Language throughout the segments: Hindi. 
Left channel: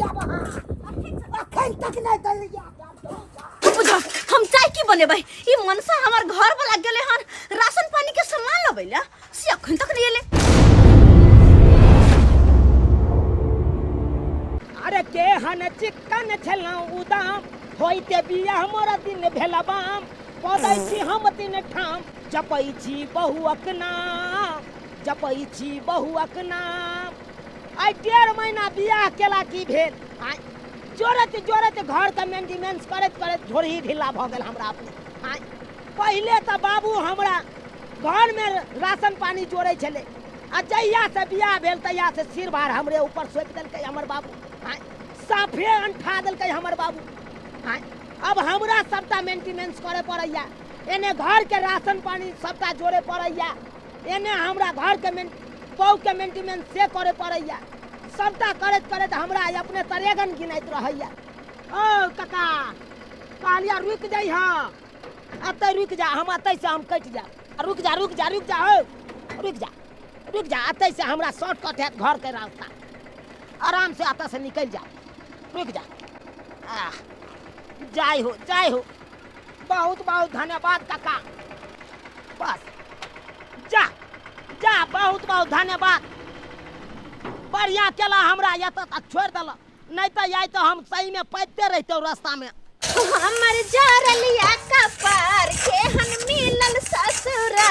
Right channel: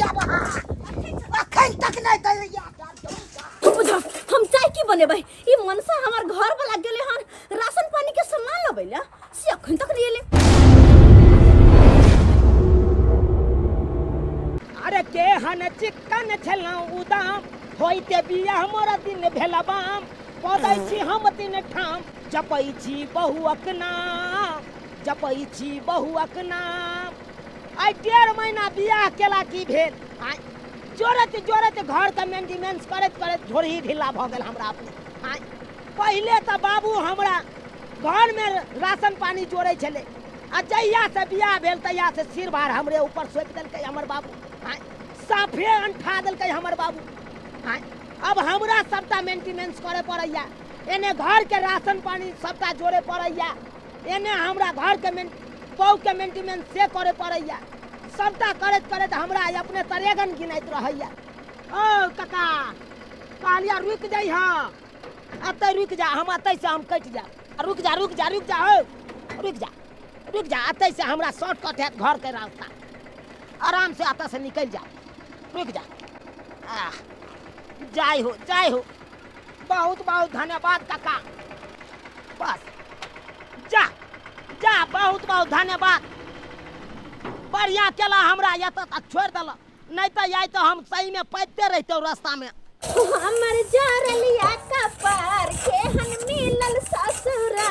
जाब अखन तक नहीं दैया बुझ हम चाय की बनेबै ई मनसा हमर घर वाला गेले हन राशन पानी के सामान लबैला से अखन तक नहीं एले। अरे केहन चिक्कन छलौ उदाम होइते बिया हमरा दिन भेलबाम पदै छी हम दिन ठाम जपै छी बहुअक नाम जपै छी बहुअक नाम। आई 1.5 महीना बियाह केला की भेल आई जोरत जोरत घर के मेंटेनेंस करत करत झोरही ढीला भ गेल हमरा अपने। आई पहिले त बाबू हमरा घर में राशन पानी जोड़े छले आ जहिया से बियाह भेल तहिया से सिर भार हमरे ऊपर सोप देलकै हमर बाबू। आई साफे अंठा देलकै हमर बाबू। आई अब हमरा सबटा मेंटेनेंस करे पड़ैया एने घर के राशन पानी सबटा जोड़े पड़ैया एने हमरा घर के बहु के मेंटेनेंस से करे पड़ैया सबटा करत करत हमरा अपने तरेगन गिनैत रहैया। ओ काका कहलिया रुक जाइ हां अतै रुक जा हम अतै से हम कट जा रुक जा रुक जा रुक जा हो रुक जा अतै से हमरा शॉर्टकट है घर के रास्ता आराम से अतै से निकल जा रुक जा। जय हो बहुत बहुत धन्यवाद काका बस जा जा बहुत बहुत धन्यवाद बढ़िया केला हमरा यत तक छोड़ दल नहीं तो आई तो हम सही में पैदते रहते रास्ता में। हमर जरलिया कपार के हन मिलल ससुरा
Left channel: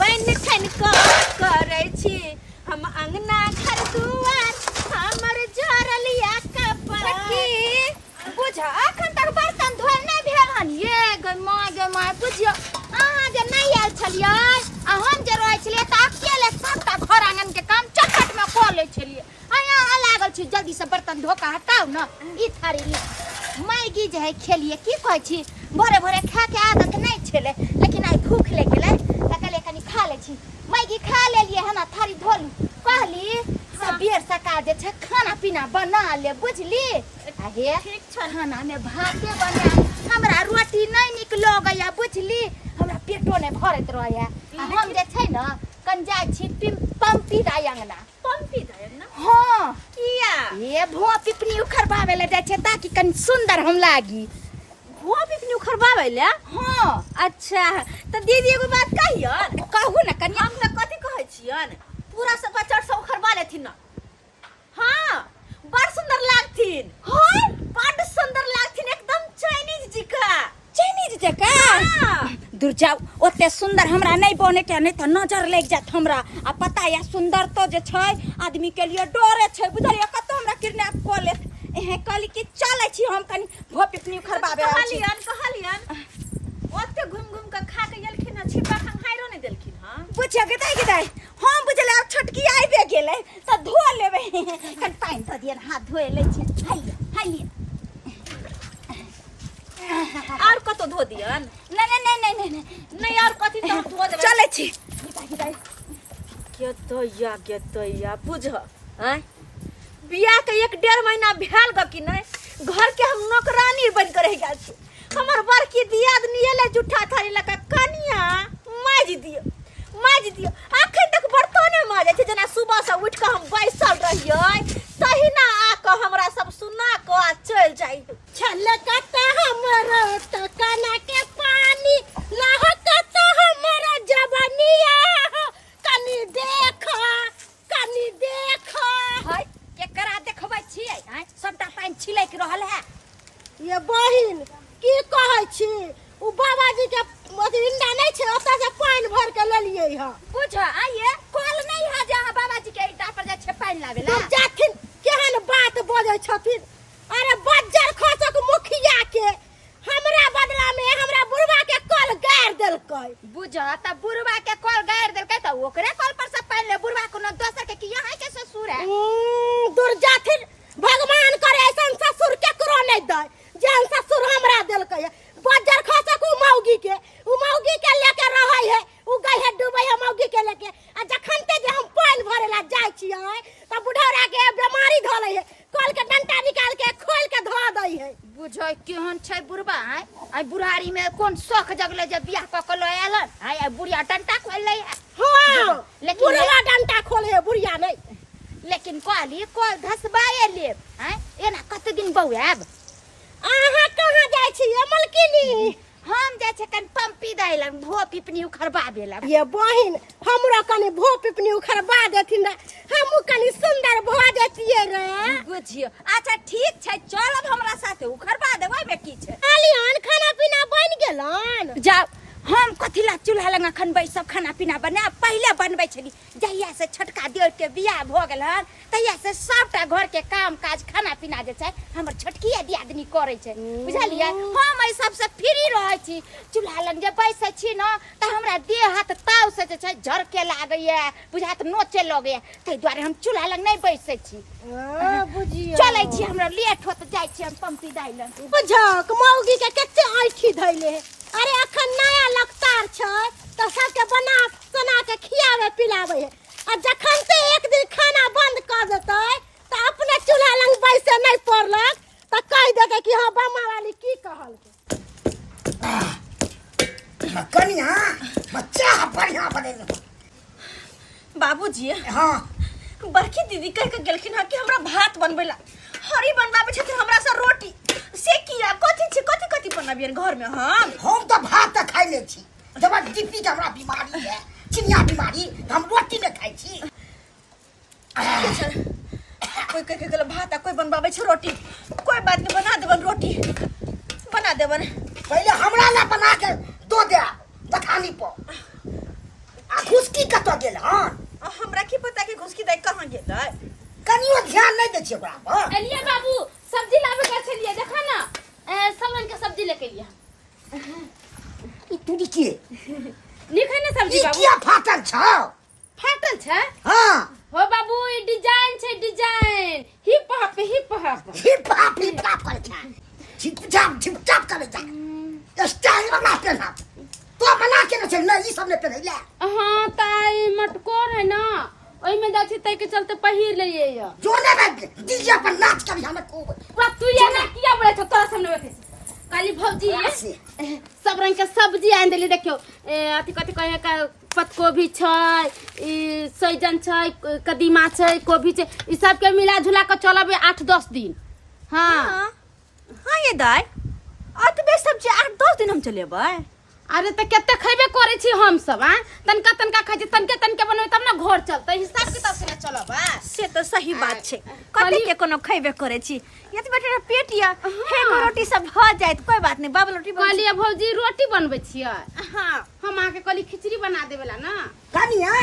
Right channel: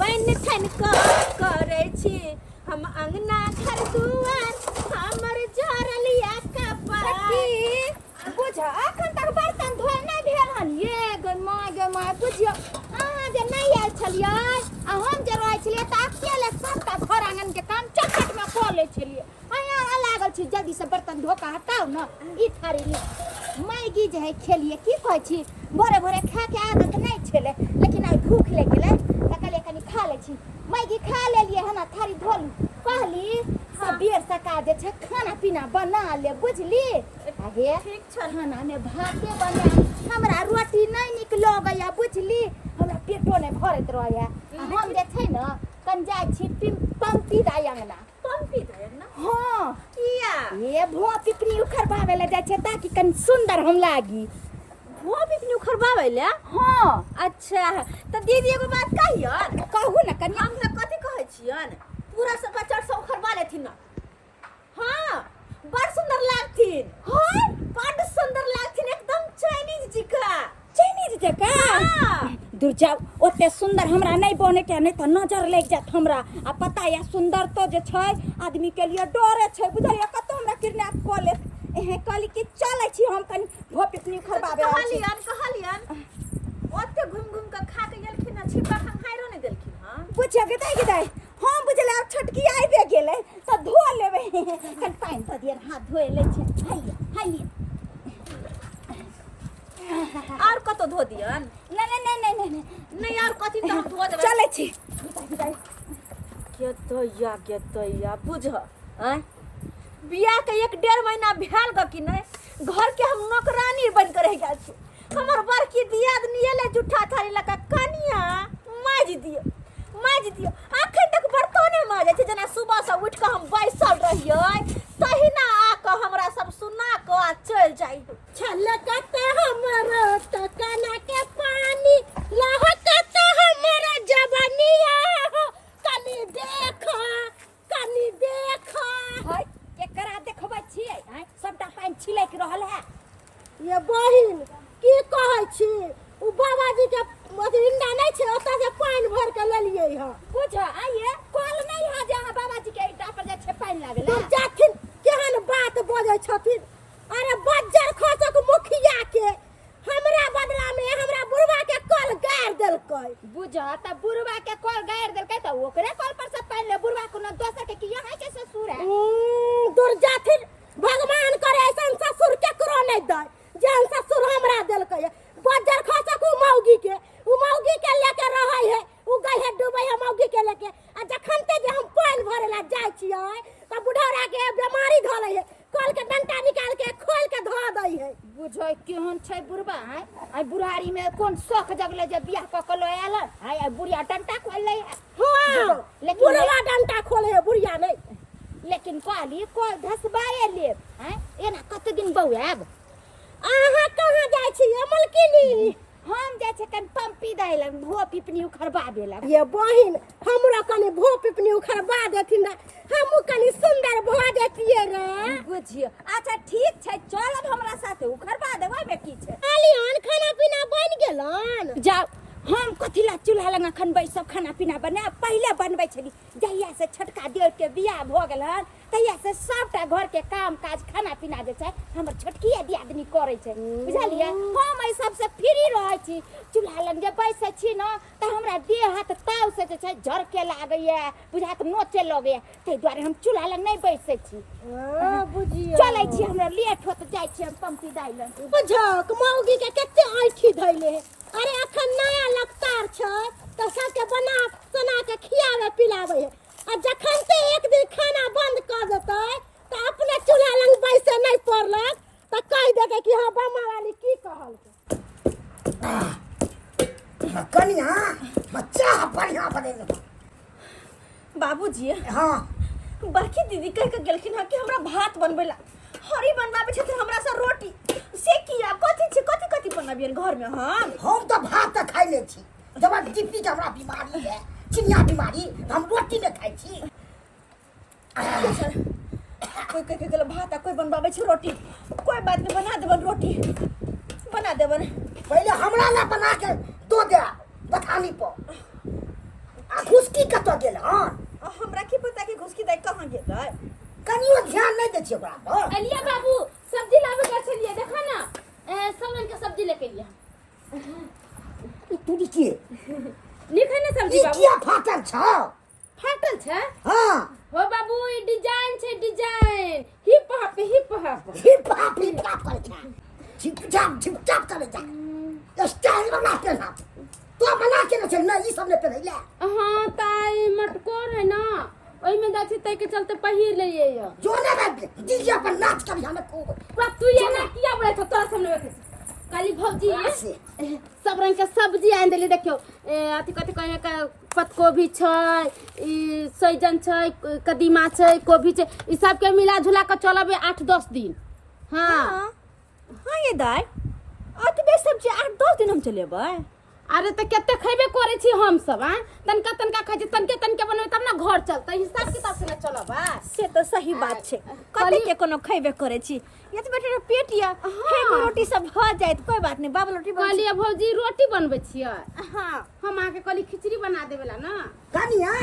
बन ठन को करे छी हम अंगना घर दुआर हमर जरलिया कपार की बुझ अखन तक बर्तन धोल नहीं भेल हन ये गे माय बुझियो अहाँ जे नहीं आयल छलियै आ हम जे रहै छलियै त अकेले सबटा घर आंगन के काम चटपट में क लै छलियै अहाँ लागल छी जल्दी से बर्तन धो के हटाओ न ई थारी मैगी जे है खेलिए की कहै छी भोरे भोरे खा के आदत नहीं छले लेकिन आई भूख लग गेलै त कहलिए कनी खा ले छी मैगी खा लेलिए हना थारी धोलू कहली सबेर सका जे छै खाना पीना बना ले बुझली आगे ठीक छ खाना में भाते बना हमरा रोटी नहीं निक लगैया बुझली हमरा पेटो नहीं भरत रहैया हम जे छै न कन जाय छी पंपी दायंगना हां किया ये भुआ पिपनी उखरबावे ले जाय छै ताकि कन सुंदर हम लागी भुआ पिपनी उखरबावे ले हां अच्छा त दीदी एगो बात कहियन कहू न कनी हम न कथि कहै छियन पूरा सब बच्चा सब उखरबा लेथिन न हां बड़ सुंदर लागथिन हां बड़ सुंदर लागथिन एकदम चाइनीज जका दूर जाओ ओते सुंदर हमरा नहीं बने के नहीं त नजर लग जात हमरा आ पता या सुंदर तो जे छै आदमी के लिए डरे छै बुझलिया कत हमरा किडनैप क ले एहे कहली कि चलै छी हम कनी भो पिपनी खरबाबे कहलियन ओते घुम घुम के खा के गेलखिन न छिपा खंहाइरो नहीं देलखिन हां बुझिया गदाई हम बुझले अब छोटकी आइबे गेले त धो लेबे कन पाइन द दियन हाथ धोए ले छै हाय और कतो धो दियन नहीं और कथि त हम धो देबे चलै छी के तैया बुझ हैं बियाह के 1.5 महीना भेल ग कि नहीं घर के हम नौकरानी बन के रह गेल छी हमर बड़की दियाद नियले जुठा थारी लका कनिया माज दियो अखन तक बर्तने माजे छै जना सुबह से उठ के हम बैसल रहियै तहिना आ के हमरा सब सुना के आ चल जाई छलकत हमरा त काना के पानी लहकत हमरा जवानिया कनी देख हाय केकरा देखबै छियै हैं सबटा पानी छिलैक रहल है ये बहिन की कहै छी उ बाबाजी के इंडा नहीं छै ओता से पानी भर के लेलिए ह बुझ आइए कल नहीं है जहां बाबाजी के इंडा पर जे छै पानी लावेला जाथिन केहन बात बोलै छथिन अरे बज्जर खसक मुखिया के हमरा बदला में हमरा बुढ़वा के कल गाड़ देलकै बुझ त बुढ़वा के कल गाड़ देलकै त ओकरे कल पर से पानी ले बुढ़वा कोनो दोसर के कि यहां के ससुर है दूर जाथिन भगवान करे ऐसन ससुर केकरो नहीं दे जेहन ससुर हमरा देलकै बज्जर खसक उ मौगी के लेके रहै है उ गई है डूबै है मौगी के लेके आ जखन ते जे हम पानी भरे ला जाय छियै त बुढ़ौरा के बीमारी धलै है कल के डंटा निकाल के खोल के धो दै है बुझै केहन छै बुढ़वा है आई बुढ़ारी में कोन शौक जगले जे बियाह क के ल आलन आई बुढ़िया डंटा खोल लै है हां लेकिन बुढ़वा डंटा खोले है बुढ़िया नहीं लेकिन कहली कोल धसबाए ले हैं एना कते दिन बौआब अहाँ कहाँ जाइ छी मलकिनी हम जाइ छै कन पंपी दैल भो पिपनी उखरबा बेला ये बहिन हमरा कनी भो पिपनी उखरबा देथिन रे हमहू कनी सुंदर भो जतिए रे बुझियो अच्छा ठीक छै चलब हमरा साथे उखरबा देबै में की छै आलियन खाना पीना बन गेलन जाओ हम कथी ला चूल्हा लग अखन बैसब खाना पीना बना पहिले बनबै छली जहिया से छोटका देवर के बियाह भ गेल हन तहिया से सबटा घर के काम काज खाना पीना जे छै हमर छोटकी दियादनी करै छै बुझलियै हम एहि सब से फ्री रहै छी चूल्हा लग जे बैसै छी न त हमरा देह हाथ ताव से जे छै झरके लागैया बुझात नोचे लगैया तै दुआरे हम चूल्हा लग नहीं बैसै छी बुझियो चलै छी हमरा लेट होत जाइ छी हम पंपी दाइलन बुझक मौगी के कते आँखी धैले अरे अखन नया लगतार छै तो सबके बना सोना के खियावे पिलावे है आ जखन से एक दिन खाना बंद कर देतै तो अपने चूल्हा लग बैसे नहीं पड़लक तो कह देके कि हां बम्मा वाली की कहल कनिया बच्चा बढ़िया बने बाबूजी हाँ बड़की दीदी कह के गेलखिन हँ कि हमरा भात बनबैला हरी बनबाबे छथिन हमरा से रोटी से किया कथी छै कथी कथी बनाबियन घर में हम तो भात तो खाई ले छी जब डीपी के हमरा बीमारी है चिनिया बीमारी तो हम रोटी नहीं खाई छी कोई कह के गेल भात कोई बनबाबे छै रोटी कोई बात नहीं बना देबन रोटी बना देबन पहले हमरा ना बना के दो दे बथानी पर आ घुसकी कत गेल हन हमरा की पता कि घुसकी दाई कहां गेलै कनियो ध्यान नहीं दे छी ओकरा पर एलिया बाबू सब्जी लावे गए छलिए देखा ना सब रंग के सब्जी लेके लिया ई तुडी के निखे ना सब्जी ई बाबू किया फाटल छ फाटल छै हां हो बाबू ई डिजाइन छै design hip hop hip hop कर छ छिप चाप करे जा स्टाइल बना के ना तो बना के ना चल ना ई सब ने पहले हां ताई मटकोर है ना ओई में जाछि तै के चलते पहिर लिए या जो ने में डीजे पर नाच करी हमें खूब पूरा तू ये ना किया बोले छ तोरा सामने बैठे काली भौजी सब रंग के सब्जी आन देली देखियो अथी कथी कहे का पत्तकोबी छै ई सैजन छै कदीमा छै कोबी छै ई सब के मिला झुला के चलबे 8-10 दिन हां हां ये दाई अतबे सब्जी 8-10 दिन हम चलेबै अरे तो केते खइबे करे छी हम सब हां तनका खाइ छी तनके बनबै तब ना घर चलतै हिसाब किताब से चलब से तो सही बात छै कते के कोनो खइबे करे छी ये तो बेटा पेट या एक रोटी सब भ जायत कोई बात नहीं बाबा रोटी कहलिए भौजी रोटी बनबै छियै हां हम आके कहली खिचड़ी बना देबेला ना कनिया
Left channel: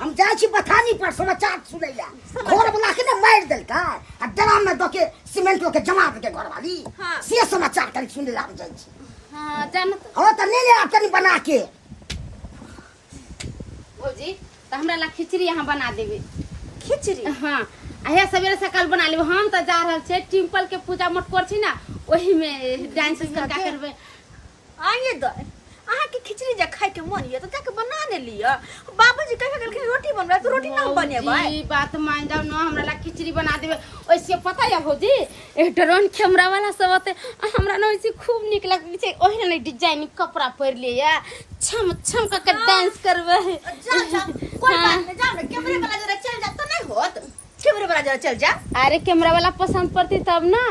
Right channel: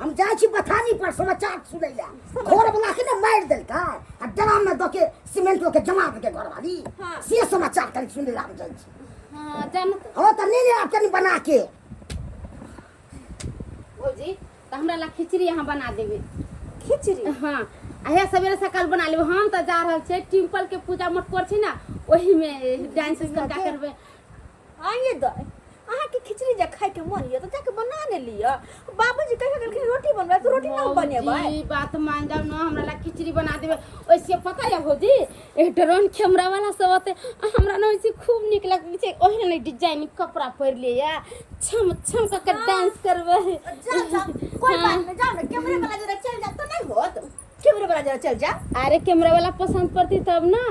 हम जाय छी बथानी पर समाचार सुनै ला घर बना के ना मार देलका आ ड्राम में दके सीमेंट के जमा के घर वाली से समाचार करी सुनै ला जाय छी हां जानत हो त ने तनी बना के भौजी त हमरा ला खिचड़ी यहाँ बना देबे खिचड़ी हां आया सवेरे सकाल बना लेब हम त जा रहल छै टिम्पल के पूजा मटकोर छी ना ओही में डांस करका करबे आइए दाई अहाँ के खिचड़ी जे खाए के मन ये तो जाके बना ने लिया बाबूजी कह के गेलखिन रोटी बनबा तो रोटी ना बनेबै ई बात मान जाओ ना हमरा ला खिचड़ी बना देबे ओइसे पता है भौजी एक ड्रोन कैमरा वाला सब आते हमरा ना ओइसे खूब निक लागे छै ओही ने डिजाइन कपड़ा पहिर लिया छम छम के डांस करबे कोई बात नहीं जा ना कैमरे वाला जरा चल जा तो नहीं होत कैमरे वाला जरा चल जा अरे कैमरा वाला पसंद पड़ती तब ना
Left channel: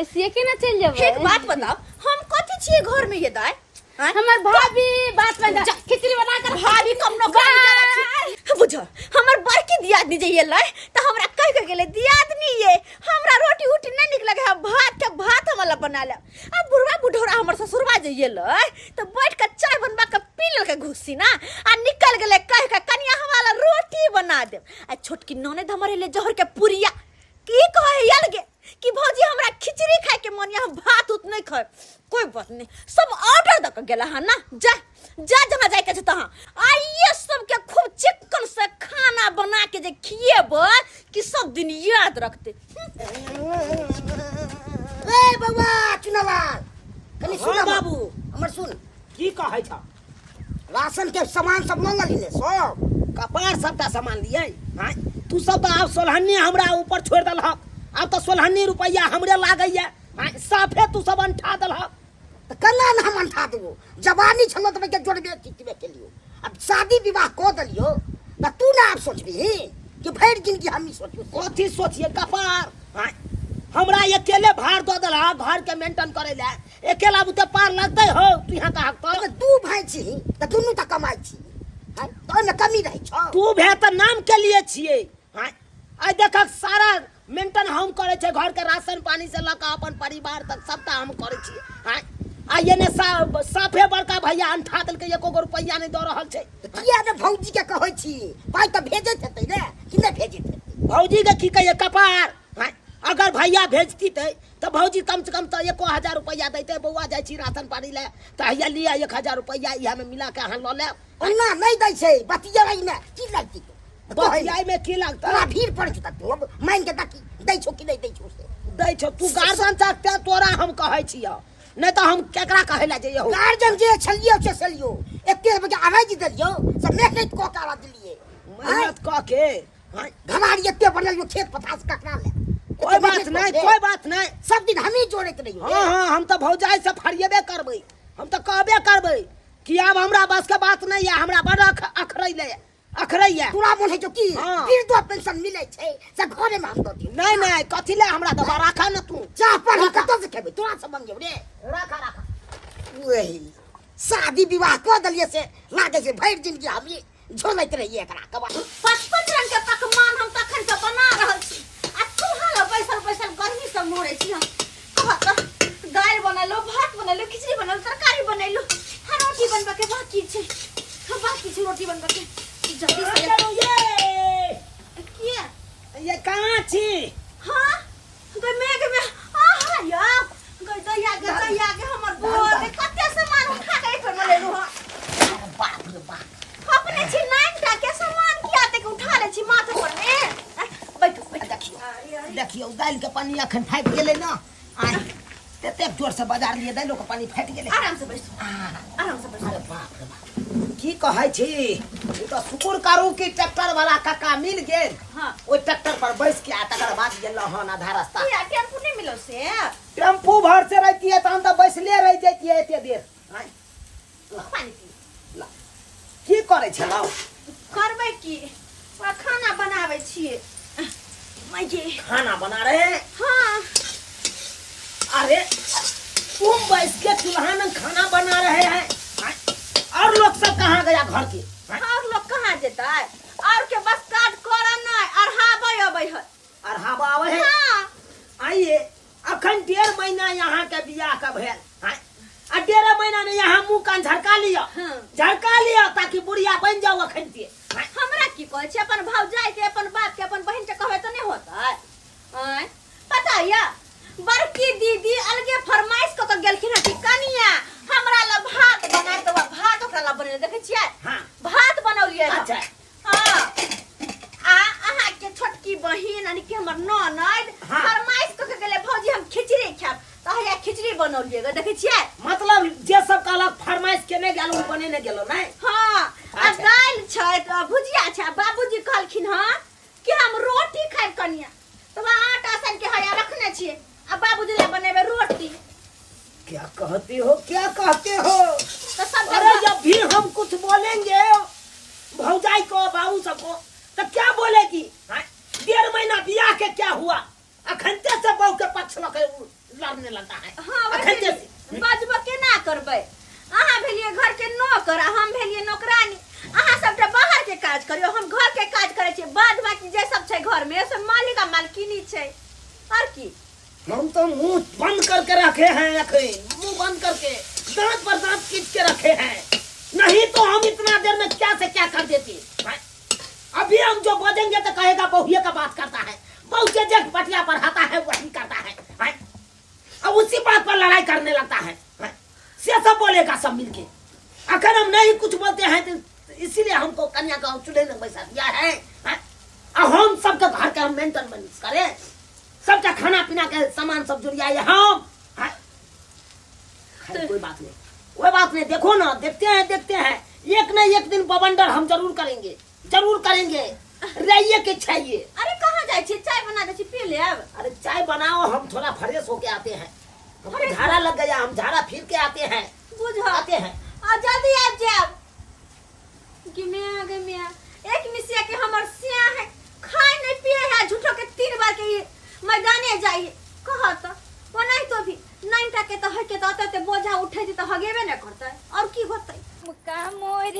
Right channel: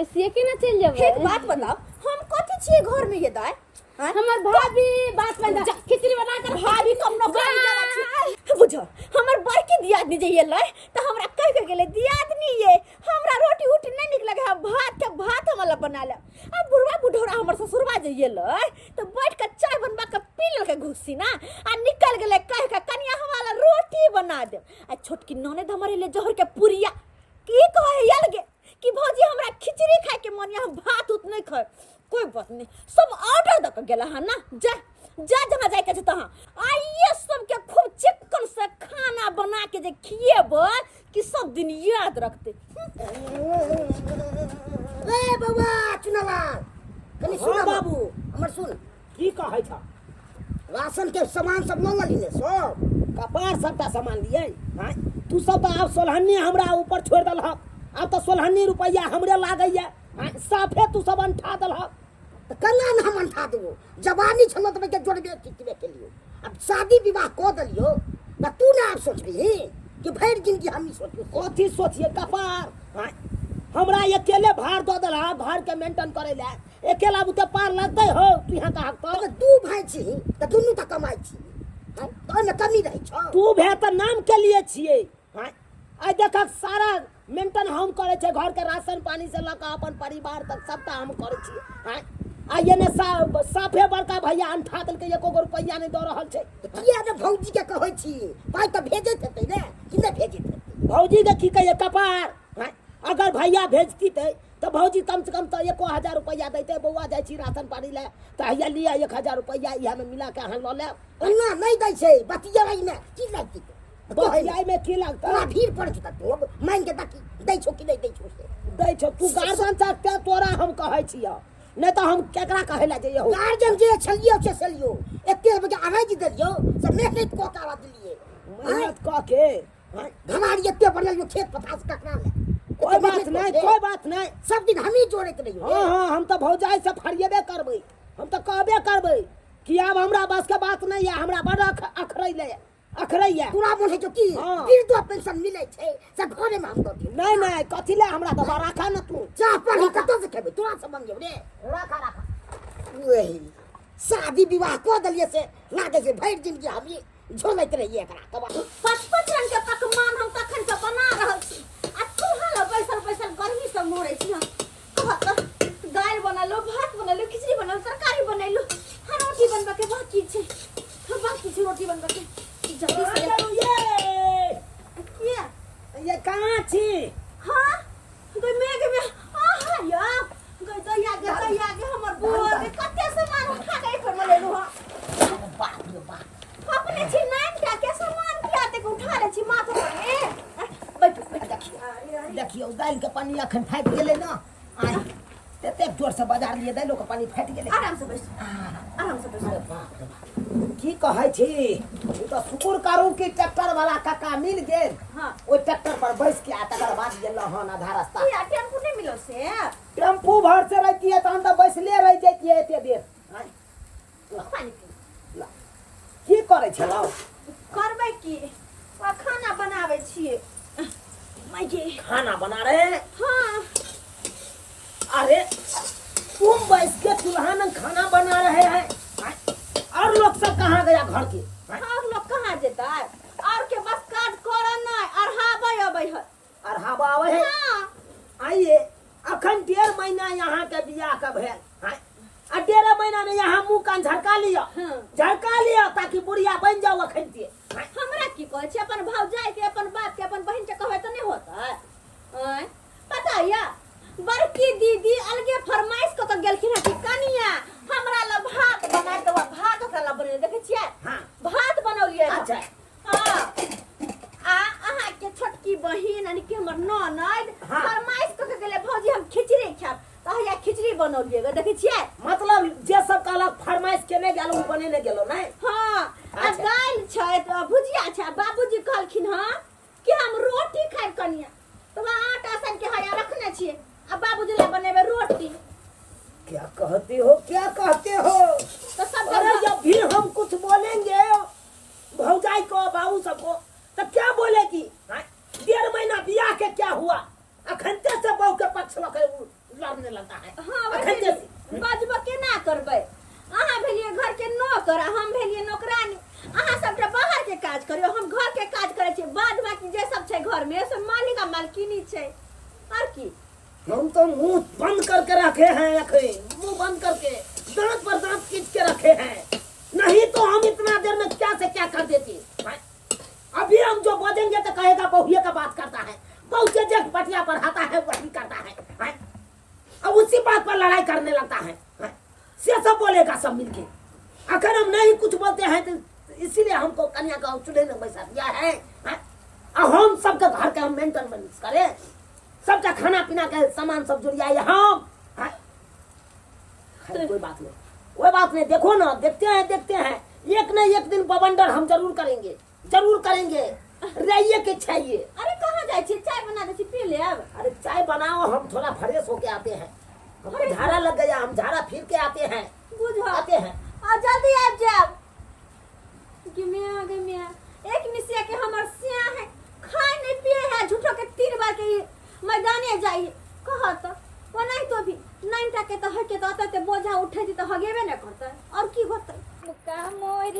ओइसे के ना चल जाबे एक बात बताओ हम कथि छिए घर में ये दाई हमर भाभी बात में खिचड़ी बना कर भाभी कम न कर बुझो हमर बड़की दियादनी जे येलै त हमरा कह के गेले दियादनी ये हमरा रोटी उटी नहीं निक लगे भात हमला बना ले अब बुढ़वा बुढ़ौरा हमर ससुरबा जे येलै त बैठ के चाय बनबा के पी लेल के घुसी ना आ निकल गेले कह के कनिया हमला रोटी बना दे आ छोटकी ननद हमर ले जहर के पुरिया की कहे अलगे कि भौजी हमरा खिचड़ी खाए के मन हम भात उत नहीं खाए कोई बात नहीं सब ऑर्डर द के गेला है ना जा जहाँ जाए के छै तहाँ आइए सबके खूब चिकन से खाना बना के जे खिएबै कि सब दिन याद रखते ए बाबा चुनालाल कनी सुन बाबू हमर सुन की कहै छ राशन के सामान सब ल ली ने सब कपार सबटा सामान दिए हां तू सब तो आप सोलहन्नी हमरा ऊपर छोड़ दल अब तो 16 रुपया हमरे लागैया साफे तू सब अंठा दल त कला न हम अंठा देबो जवानी छलो त के जोड़बे चितबे के लियो अब शादी विवाह को दलियो त तू ना आप सोचबी कि भर जिंदगी हम ही सोचू कथी सोचिए कपार हां हमरा अकेले भार दो दला घर के मेंटेन करे ले अकेला बुते पार लगते हो तू यहाँ का हक अगर तू भाई छी तो दुनू तक कमाई छी हैं तो में कमी रही छौ तू भे तो नाम के लिए छिए हैं आई देख सारा मेंटेन हम करे छे घर के राशन पानी से लका अपन परिवार तक सबटा हम करे छी हैं आ ये ने साफे बड़का भैया अंठा दल के एको रुपया नहीं दो रहल छे किया ने भौजी के कहै छी पाई तो भेजे हेतै रे कि नहीं भेजे हेतै भौजी के की कहिए कपार हैं अगर भैया भेजती तो भौजी कम से कम तो 1000 रुपया देते बउआ जाय छी राशन पानी ले तो हैया लिया 1000 रुपया इहा में मिला के अहाँ ल ले ओना नहीं दै छै बतिया रही ने की लगती बतियाई में की लगता तोरा भीड़ पड़ जता तू अब मान के ताकि दै छौ कि नहीं दै छौ से दै छौ तू गार्जियन सकते तोरा हम कहै छियो नहीं तो हम केकरा कहै ला जइयो गार्जियन जे छलियो से छलियो एके बजे आवाज दिलियो सब मेहनत को काला दिलिए मेहनत क के हैं घमारी एते बनल खेत पथास ककरा ले कोई बात नहीं सब दिन हम ही जोड़े के नहीं हाँ हाँ हम तो भौजाई से फरियबे करबै हम तो कहबे करबै कि अब हमरा बस के बात नहीं है हमरा बड़ अखरैया पूरा मन है जो की हाँ। फिर तो पेंशन मिले छै से घरे में हम दो दिन नहीं कथी ले हमरा तो राखा न तू चाह पानी कतो से खेबे तोरा से मंगे रे राखा वही शादी विवाह कर दलिए से लागे से भर जिंदगी हम ये झोलैत रहिए एकरा कबा 55 रंग के पकवान हम तखन से बना रहल छी आ तू हाला बैसल गर्मी से मरे छी हम कहत दाल बनलो भात बनलो खिचड़ी बनलो तरकारी बनलो हाँ रोटी बनबा के बाकी छै रोटी बनबा के जल्दी से किया ये कहाँ छी हाँ गई मेघ में आहा या गई दैया के हमर बुआ ने कते सामान उठा के एक में ले लू बाप रे बाप अपने छी नाक टा के सामान किया ते उठा ले छी माथे पर में बैठो देखियो दाल के पानी अखन फाट गेले ना आई तेते जोर से बाजार लिए दालो के पानी फाट गेले आराम से बैठो अरे बाप रे बाप की कहै छी ई तो शुक्र करू कि ट्रैक्टर वाला काका मिल गेल हाँ ओइ ट्रैक्टर पर बैस के आ तकर बाद गेल हन आधा रास्ता या टेम्पू नहीं मिलो से टेम्पू भर से रहती है तो हम तो बैसले रह जाती है एते देर आय, पानी पी की करे छलौ करबै की खाना बनावे छिए मैं जे खाना बना रहे हैं हाँ अरे तुम बैठ के चूल्हा में खाना बना रहे हैं आय, और लोग सब कहाँ गया घर के आय, और लोग कहाँ जेता है और के बस काट कर नहीं और हाबे अबै है और हवा आवे है हाँ आइए अखन 1.5 महीना यहाँ के बियाह का भेल आय, आ 1.5 महीना में यहाँ मुंह कान झड़का लिया हाँ। ताकि बुढ़िया बन जाओ अखन के आय, हमरा की कहै छै अपन भौजाई के अपन बाप के अपन बहन के कहबै तो नहीं होता है पता या बड़की दीदी अलगे फरमाइश क के गेलखिन है कि कनिया हमरा ल भात बना तो भात ओकरा ल बने देखै छियै हाँ भात बनौलियै अच्छा हां आ अहाँ के छोटकी बहिन यानी कि हमर ननद हाँ। फरमाइश क के गेले भौजी हम खिचड़ी खाब तो हैया खिचड़ी बनौलियै देखै छियै मतलब जे सब कहलक फरमाइश केने गेलो बने ने गेलो नहीं हाँ आ अच्छा। दाल छै तो भुजिया छै बाबूजी कहलखिन हां कि हम रोटी खाइ कनिया तो आटा सान के हया रखने छियै अब बाबूजी ले बनेबे रोटी क्या कहते हो तो सब अरे जब भी हम कुछ बोलेंगे भौजाई को बाबू सबको तो क्या बोलेगी 1.5 महीना बियाह के क्या हुआ अखनते से बहू के पक्ष लड़ने लगता है हां अखनते से बाजबो के ना करबै अहाँ भेलिए घर के नौकर आ हम भेलिए नौकरानी अहाँ सबटा बाहर के काज करियो हम घर के काज करे छी बाद बाकी जे सब छै घर में सब मालिक आ मालकिनी छै और की हम तो मुंह बंद करके रखे हैं अखन मुंह बंद करके दांत पर दांत खींच के रखे हैं नहीं तो हम इतना देर में क्या से क्या कर देते अभी हम जो बोलेंगे तो कहेगा बहुए का बात करता है बहू के जग पटिया पर आता है वही करता है अब उसी बात पर लड़ाई करने लगता है से सब बोलेगा सब मिलके अगर हम नहीं कुछ बोलते हैं तो इसीलिए हमको कन्या का चूल्हे में बैसा दिया है अब हम सबके घर के हम मेंटेनेंस करें सबका खाना पीना के सामान सब जुड़ियाए हम कोई बात नहीं देखो ना देखते हैं एक न एक दिन बवंडर हम जरूर करेंगे रहिए के चाहिए अरे कहाँ जाए छी चाय बना दे छी पी लेब अरे चाय बनाओ हम थोड़ा फ्रेश होके आते हैं हमको झाड़ा लग गया हम झाड़ा फिर के आते हैं आ जल्दी आ जाब गिमिया एक मिसिया के हमर सिया है खाए नहीं पिए है झूठो के 3 बार के मैदाने जाइए हगेबे न करतै और की होतै मुका मोर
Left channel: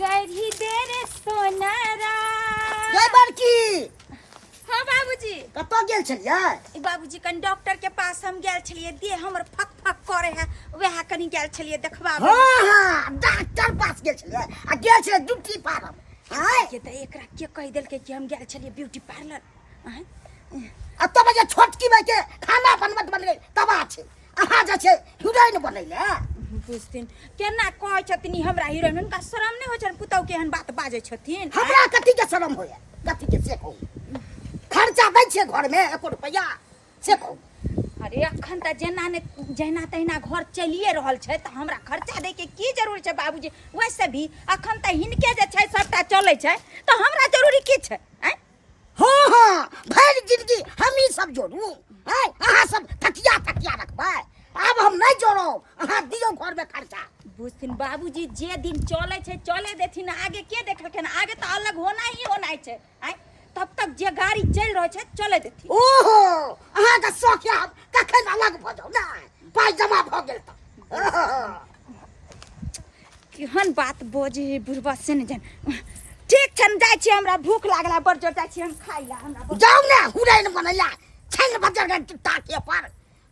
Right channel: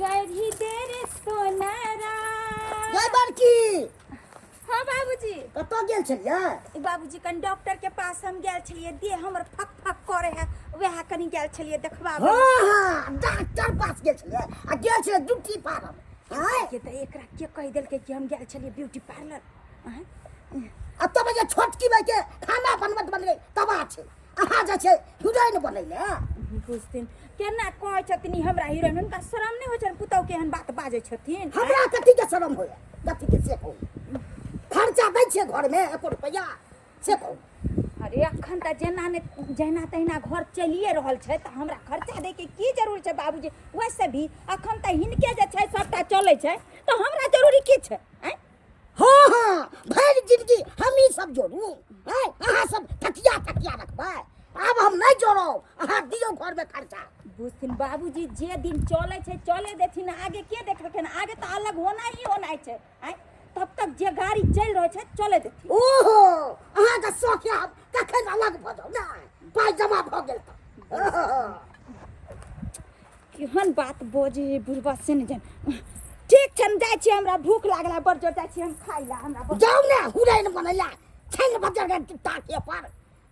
गढ़ी दे रे सोनारा। जय बड़की हाँ बाबूजी। कतऽ गेल छलियै? ई बाबूजी कन डॉक्टर के पास हम गेल छलिए, देह हमर फक फक करे है, वएह कनी गेल छलिए देखबाबे। हाँ डॉक्टर पास गेल छलियै आ गेल छलियै ड्यूटी पार्लर। हां ये त एकरा के कह देलकै कि हम गेल छलिए ब्यूटी पार्लर। आ तब जे छोटकी भाई के खाना बनबत बनले तबा छै, अहाँ जे छै हीरोइन बनैले। बुझथिन केना कहै छथिन हमरा हीरोइन, हुनका शरम नहि होइ छन पुतौ के एहन बात बाजै छथिन। हमरा कथी के शरम होय, कथी के से कहू? खर्चा दै छै घर में 1 रुपया से कहू? अरे अखन त जेना तहिना घर चलिए रहल छै त हमरा खर्चा दै के की जरूरी छै बाबूजी? वैसे भी अखन त हिनके जे छै सबटा चलै छै त हमरा जरूरी की छै? हैं हाँ हाँ भरि जिंदगी हम ही सब जोड़ू, हैं अहाँ सब तकिया रखबै। अब हम नहीं जोड़ो, अहाँ दियो घर में खर्चा। बुझथिन बाबूजी जे दिन चले छै चले देथिन, आगे के देखलखिन? आगे त अलग होना छै। हैं तब तक जे गाड़ी चल रहे छै चले देथिन। ओहो अहाँ के शौक है कखन अलग भ जाऊ ना, पाई जमा भ गेल त। केहन बात बोझे बुढ़बा से न जान। ठीक छन जाय छी, हमरा भूख लागला बड़ जोर, जाय छी हम खाइ ला। हमरा जाऊ ना हुराइन बनैला छैन बजर के टाके पर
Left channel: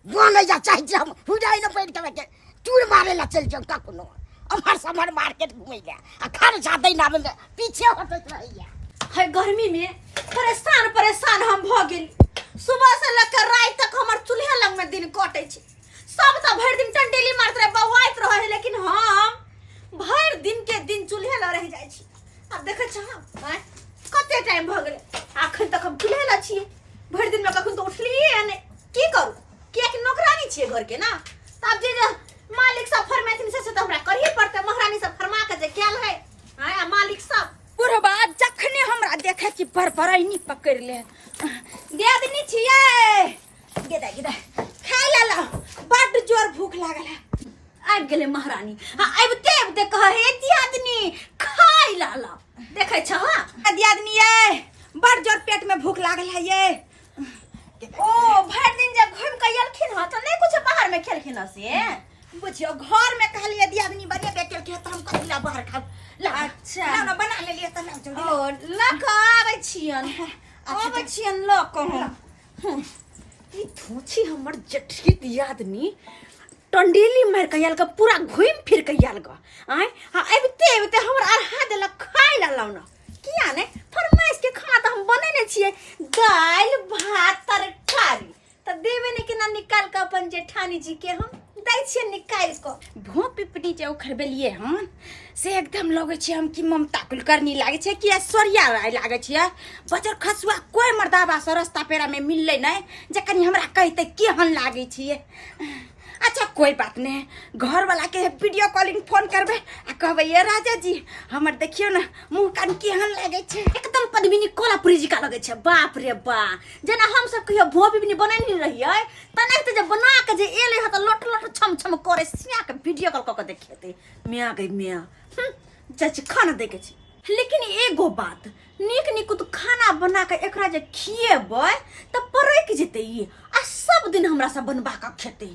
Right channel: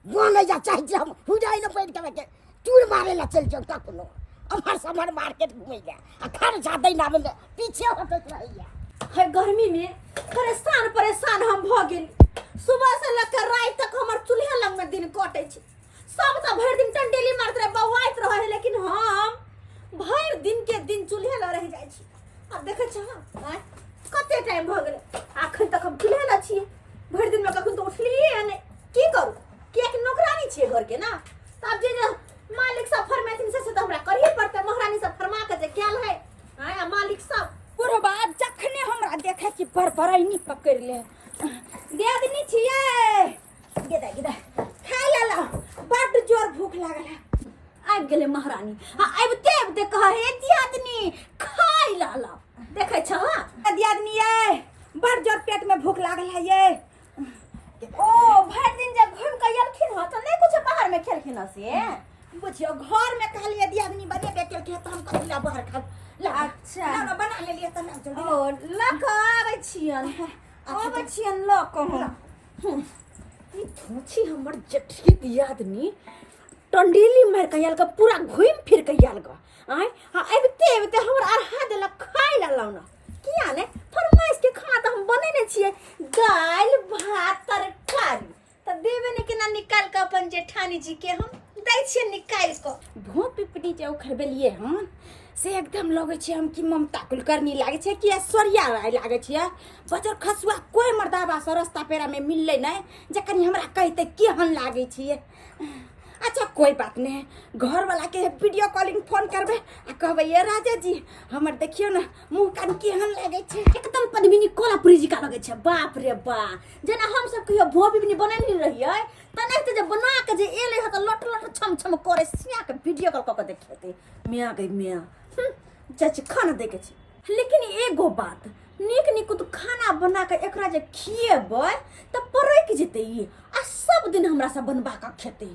बनै जा चाहि छी, हम हुराइन पैर के चूर मारे ला चल जाऊ कखनो। अमर समर मार्केट घुमै ले आ खर्चा दै ना में पीछे हटत रहैया। है गर्मी में परेशान हम भ गेल। सुबह से लेकर रात तक हमर चूल्हे लग में दिन कटे छै। सब त भर दिन टंडेली मारत रहे, बवाइत रहे, लेकिन हम भर दिन के दिन चूल्हे ल रह जाय छी। अब देखे छ कते टाइम भ गेले, अखन तक हम चूल्हे ल छी। भर दिन में कखन तो उठलिए ने, की करू? कियाकि नौकरानी छिए घर के ना, तब जे मालिक सब फरमाइथिन से त हमरा करही पड़ते। महारानी सब फरमा के जे कैल है आ मालिक सब बुढ़बा जखने हमरा देखे कि बरबरैनी पकड़ ले, दियादनी छिए गेदा खाइ ला, बड़ जोर भूख लागल है। आबि गेले महारानी, आबिते कहे दियादनी खाइ ला। देखे छ दियादनी ये बड़ जोर पेट में भूख लागल है ये। ओ भर दिन जब घूम के एलखिन ह त नहीं कुछ बाहर में खेलखिन ह से बुझियो, घर में कहलिए दियादनी बनेबे केलके त हम कथि ला बाहर खाब। अच्छा ना बना लेलिए त ना जल्दी ओ लक आबै छियन। आबै छियन लक ई थोची हमर जठी दियादनी टंडेली मार के आयल, पूरा घूम फिर के आयल ग। आय अबिते हमरा आहा देला खाइ ला लाउना। किया ने फरमाइश के खाना त हम बनेने छिए, दाल भात तरकारी त देबे ने केना निकाल के अपन जेठानी जी के हम दै छिए निकाल के। भो पिपनी जे उखरबेलिए हम से एकदम लगे छै हम की ममता कुलकर्णी लागे छै कि ऐश्वर्या राय लागे छै। बजर खसुआ कोई मर्दाबा से रास्ता पेरा में मिलले नै जे कनी हमरा कहते केहन लागे छिए। अच्छा कोई बात नहीं, घर वाला के वीडियो कॉलिंग फोन करबे आ कहबे ये राजा जी हमर देखियो ना मुंह कान केहन लागे छै, एकदम पद्मिनी कोल्हापुरी जी का लगे छै। बाप रे बा, जेना हम सब कहियो भो बिबनी बनानी रहिए तने त जे बना के जे एले ह त लट लट छम छम करे सिया के वीडियो कॉल क के देखेते। मियां गई मियां चाची खाना दे के छै, लेकिन एगो बात नीक तो खाना बना के एकरा जे खिएबै त परैक जेते ई आ सब दिन हमरा सब बनबा के खेते।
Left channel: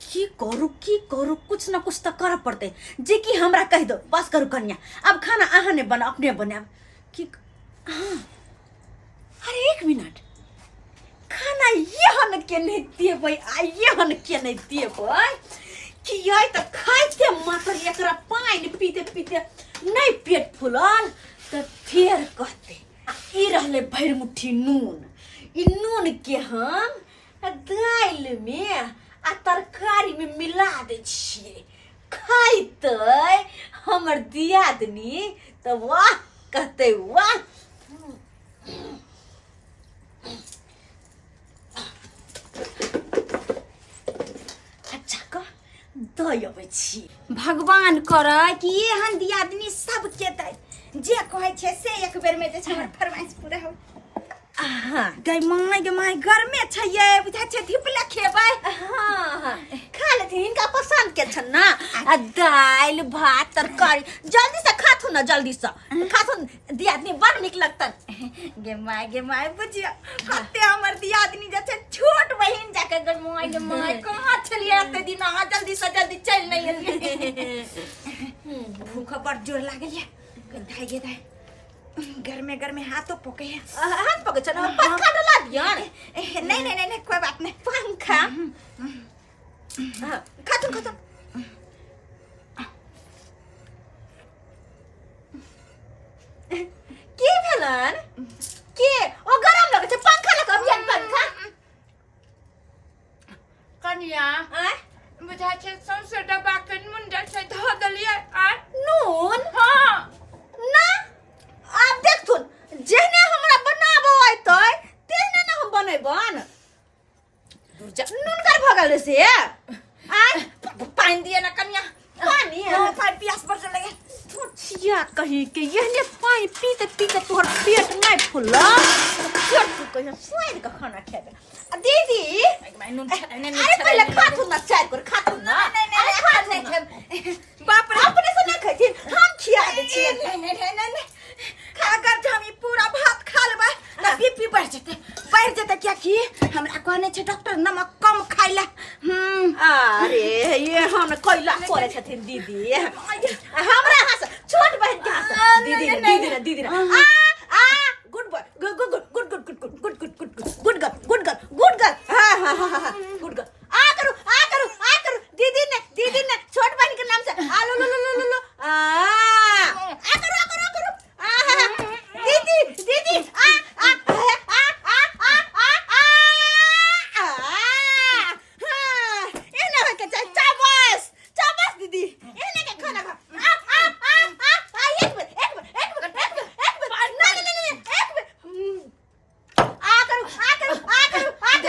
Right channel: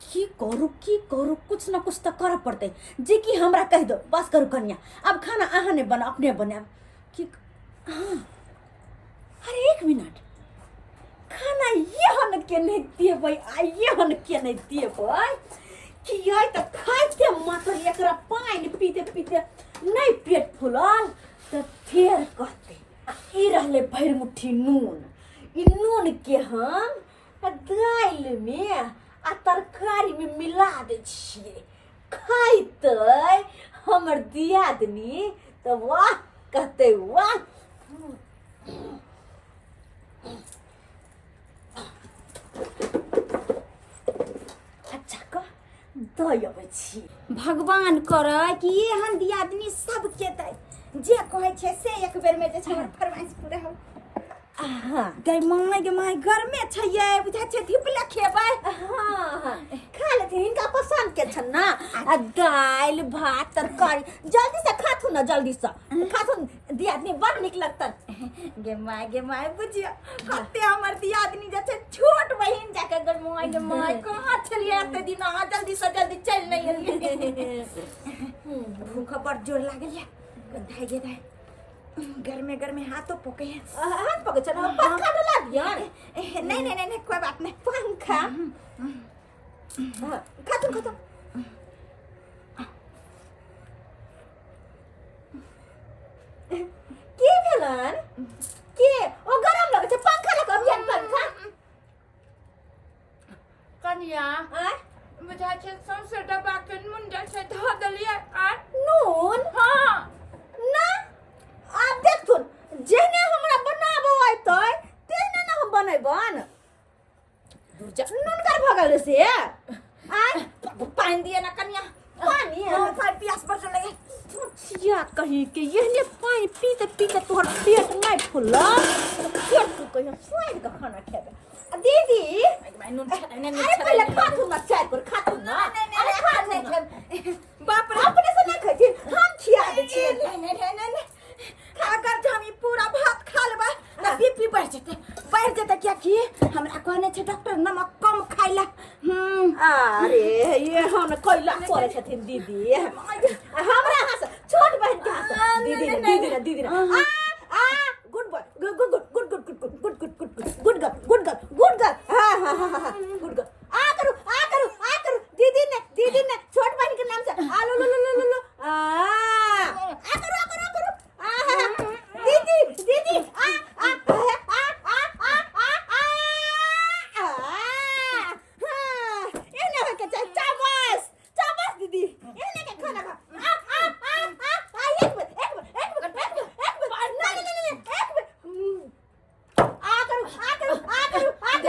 की करू कुछ ना कुछ तो कर पड़ते, जे कि हमरा कह दो बस करू कन्या अब खाना अहाँ ने बना अपने बनाब कि। अरे 1 मिनट, खाना यहन के नहीं देबै आ यहन के नहीं देबै कि ये तो खाइते मात्र एकरा पानी पीते पीते नहीं पेट फुलल तो फिर कहते ई रहले भर मुट्ठी नून। ई नून के हम दाल में आ तरकारी में मिला दे छिए, खाइते हमर दियादनी तो वाह कहते वाह। अच्छा कह दबै छी, भगवान करे कि एहन दियादनी सबके दे, जे कहे छै से एक बेर में जे छै हमर फरमाइश पूरा हो। गई माय घर में छै बुझा छै धिपला खेबै खा लेथिन इनका पसंद के छन ना दाल भात तरकारी जल्दी से खाथु ना जल्दी से खाथु दियादनी बड़ निक लगतन गे माय बुझिया कते हमर दियादनी जे छै छोट बहिन जाके गे माय कहां छलिए एते दिन आ जल्दी से जल्दी चल नहीं एलिए भूख बड़ जोर लागल गे दाई घर में हाथों पके हाथ पके चलो पंखा डला दिया नहीं कोई बात नहीं पंखा खातुन के भेलन के ओ गरम लगे छै पंखा लग अभियान पंखा कनिया बुझा छै सौंसे डब्बा के मुंडा से ध देलिए आ नून हां ना आप देखथुन जेहने हमरा बनाबो आइतै तेहने ना हम बनेबन नून कर भगल रे से आय पानी दिए ना कन्या पानी पानी पियास पर लगे छिया कही के यहने पानी पीते तोहर पेट नहीं फुलला पेट तू कहियो स्वाद का खाना खेबे दीदी मैं नून अरे पहले खाथु ना चाय कर खाथु ना नहीं बाप रे अपने से ना खाती हम खिया दे छी नहीं अगर हम ई पूरा भात खा लेबा ना बीपी बढ़ जेते क्या की हमरा कहने छै डॉक्टर नमक कम खाइला अरे ये हम कइला करे छथिन दीदी हमरा हंस छोट बहन के हंस दीदी आ गुड बॉय गुड गर्ल हां गुड गर्ल आ करू दीदी ने छोट बहन के नाम से आ लो आ करू दीदी एने के चाबस दीदी एने के खाना खा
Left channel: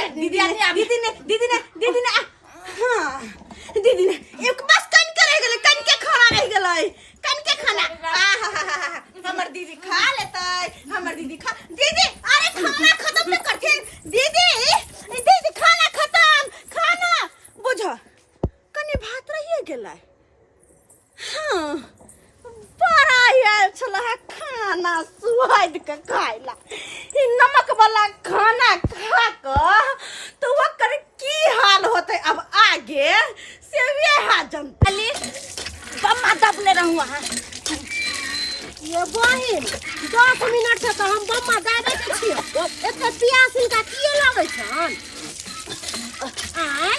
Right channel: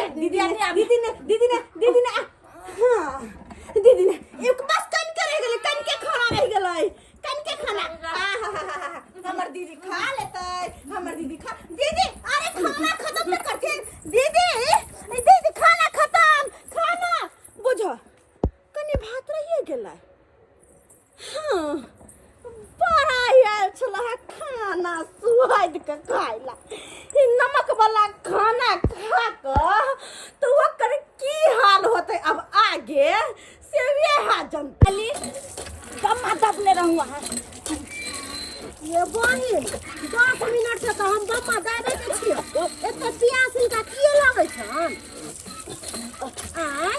एक मिनट दीदी ने एक बस कन के रह गेलै कन के खाना रह गेलै कन के खाना हमर दीदी खा लेतै हमर दीदी दीदी अरे खाना खत्म न करथिन दीदी खाना खत्म खाना बुझ कनी भात रहिए गेलै हां बड़ा यार छला खाना स्वाद के खाइला ई नमक वाला खाना खा क तो ओकर की हाल होते अब आगे से वे हाजन अली बम्मा दबने रहूं ये बहिन 10 मिनट से तो हम बम्मा दाबे के छियै एते प्यास इनका किए लागै छन आय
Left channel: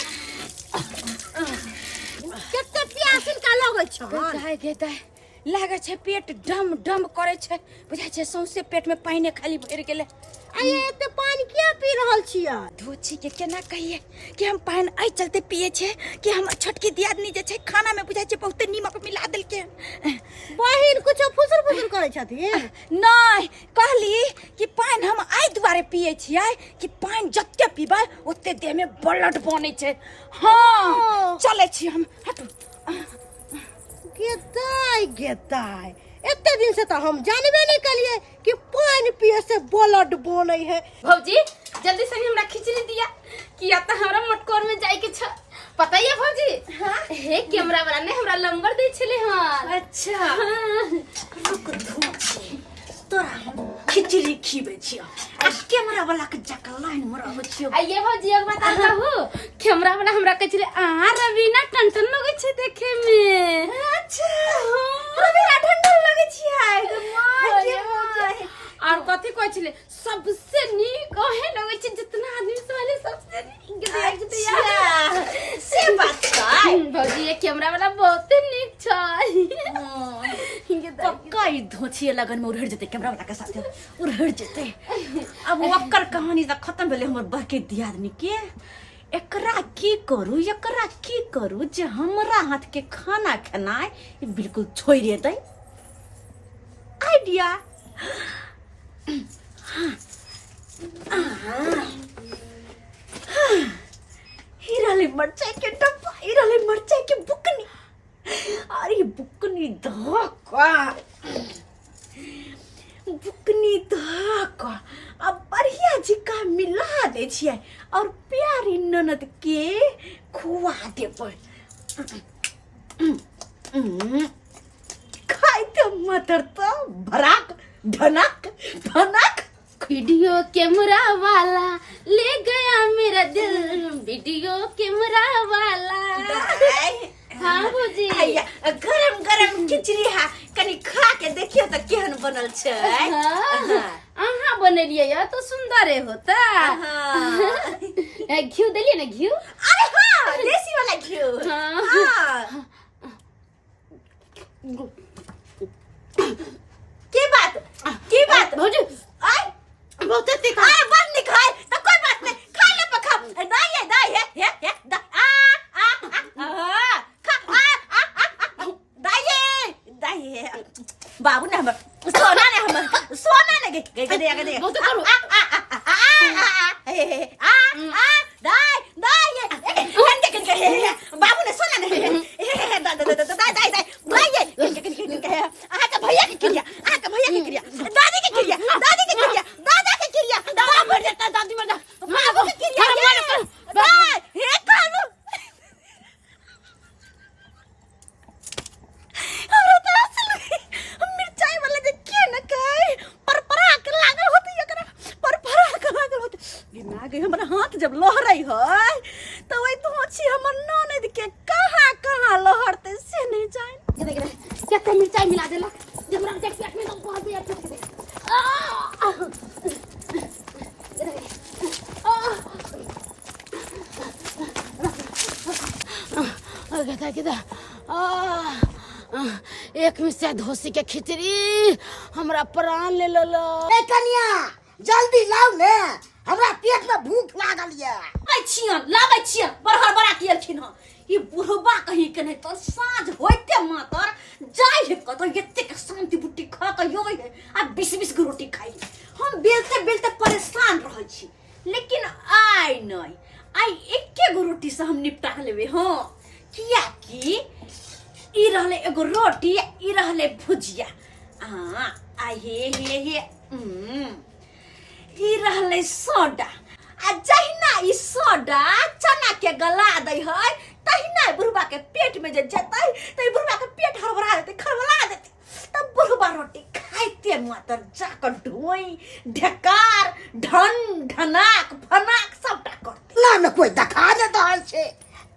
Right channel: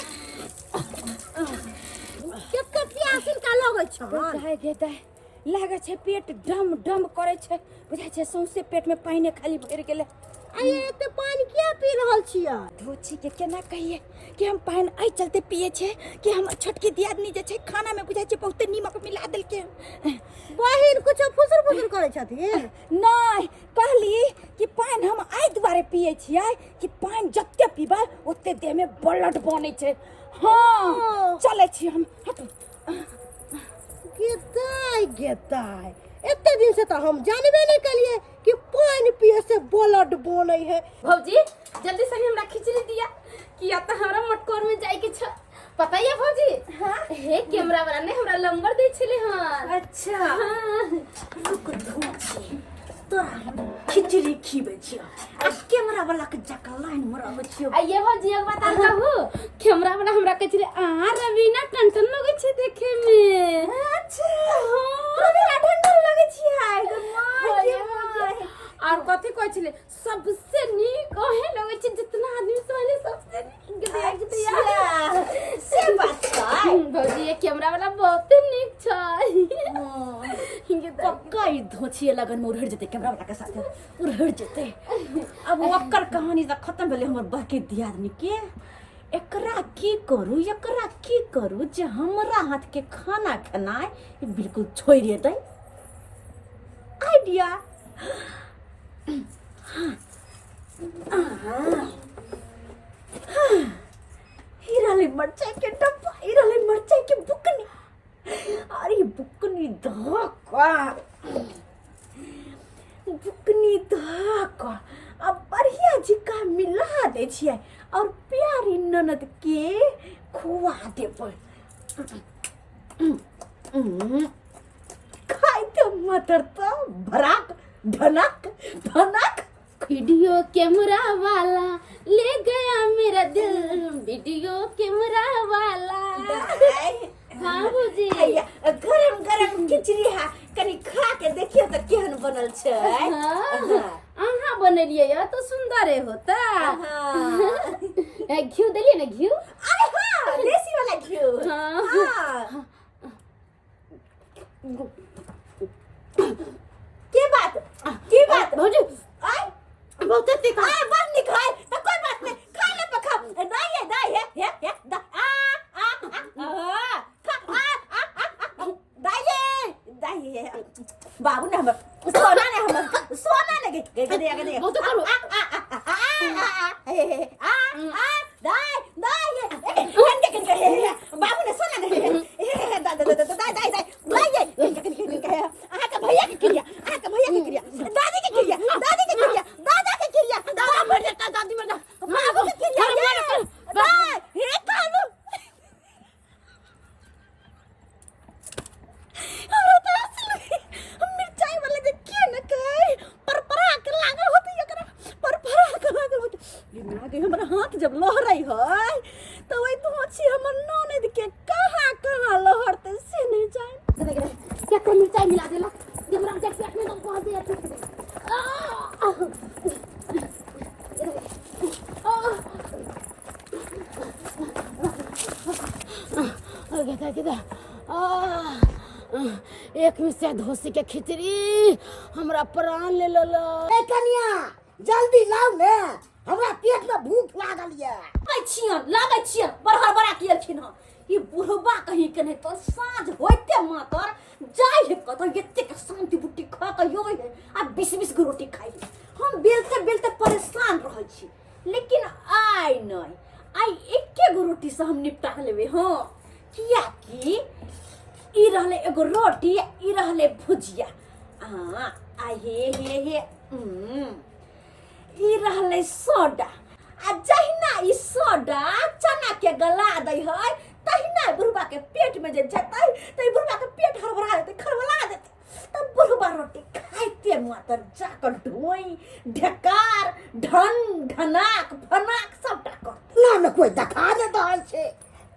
कते प्यास इनका लागै छन गे लागे छै पेट डम करे छै बुझाय छै सौंसे पेट में पानी खाली भर गेले अये एते पानी किया पी रहल छियै धोची के केना कहिए कि हम पानी आई चलते पिए छे कि हम छोटकी दियादनी जे छै खाना में बुझाय छै बहुते नीमक मिला देलके बहिन कुछ फुसुर करे छथिन नहीं कहली कि पानी हम आई दुआरे पिए छियै कि पानी जत्ते पीबै ओते देह में ब्लड बनै छै हां चले छी हम हटू गेताई एते दिन से तो हम जानबे नहीं कलिए कि पानी पिए से ब्लड बनै है भौजी जल्दी से हमरा खिचड़ी दिया कि आता हमरा मटकोर में जाई के छ पता है भौजी हां हे कैमरा वाला ने हमरा नंबर दे छले हां अच्छा रुक धोची तोरा हम खिचड़ी खीबे छियो आ कैमरा वाला के जका लाइन मरब छियो आइए भौजी एक बात कहू कैमरा वाला हमरा कहै छले आ रवीना टनटन लगे छै देखे में अच्छा रवीना टनटन लगे छियै ग माय के माय और कथि कहै छले सबसे नीक ओहे लगे छै जितना आदमी वाले सबसे नीक देख दिया से बात छै भौजी ये कैमरा वाला बहुत नीक छै पक्का ई धोछिए लगन में उड़हड़ जेते कैमरा वाला के साथे उड़हड़ जेते अब ओकर कहानी त खत्म भेले हमर बहके दियादनी के एकरा की करू जे हमरा हाथ के खाना खेनाय बिल्कुल छोड़ देतै आइडिया हिराले मरचाई के डब्बा हिराले मरचाई के बुकनी अरे बुकनी धक्का अब बढ़िया दे छियै और प्यारी ननद के खुआ देबै खाई तो मटर तो भराक ढनक भनक वीडियो कैमरा वाला ले गया मेरा दिल वीडियो कैमरा वाला हाँ भौजी गरम गरम खिचड़ी हा कनी खा के देखियो त केहन बनल छै अहाँ बनेलिए या तो सुंदर होता घी देलिए ना घी अरे हाँ देसी वाला घी की बात भौजी आय बहुत तीखा आय बन नहीं खाए तो कोई बात नहीं खा ले पखा दाई है दाई है बाबू ने हम सोना ने गए बहुत करो बाबू ने सोना ने भैया की क्रिया दादी की क्रिया दादा की क्रिया दादा मर जाता दादी मर जाता बाबू की क्रिया हे कालू हमरा तो असल मिर्चाई वाला जे के न कहे परपरा के लागल होत एकरा परपरा के लागल होत बिना गई हमरा हाथ जब लहरई है तो वही तो छी हमर ननद के कहां लहरते से नहीं जाए क्या मिर्चाई मिला देला जब रख देख पेट में तो बहुत दिया ठीक एक में से धोसी के खिचड़ी हमरा प्राण ले लो ए कनिया जल्दी लाओ ने हमरा पेट में भूख लागल ये लागै छियन बरहर बड़ा कियलखिन ह ई बुढ़बा कहीं के नहीं तो साँझ होते मातर जाय है कत एते के शांति बुट्टी खा के योय है आ 20 गो रोटी खाई हम बेलते परेशान रहै छी लेकिन आइ नहीं आई एके गो रोटी से हम निपटा लेबे हां किया कि ई रहले एगो रोटी ई रहले भुजिया आ हे ई रहले सोडा आ जहिना ई सोडा चना के गला दै है तहिना बुढ़बा के पेट में जे जतै त ई बुढ़बा के पेट हड़बड़ा देतै खरबला देतै तब बुढ़बा रोटी खाइते मातर जाकर ढोई ढकार ढनाक फनाक सबटा करतै ना में कोई देखा दे रहल छे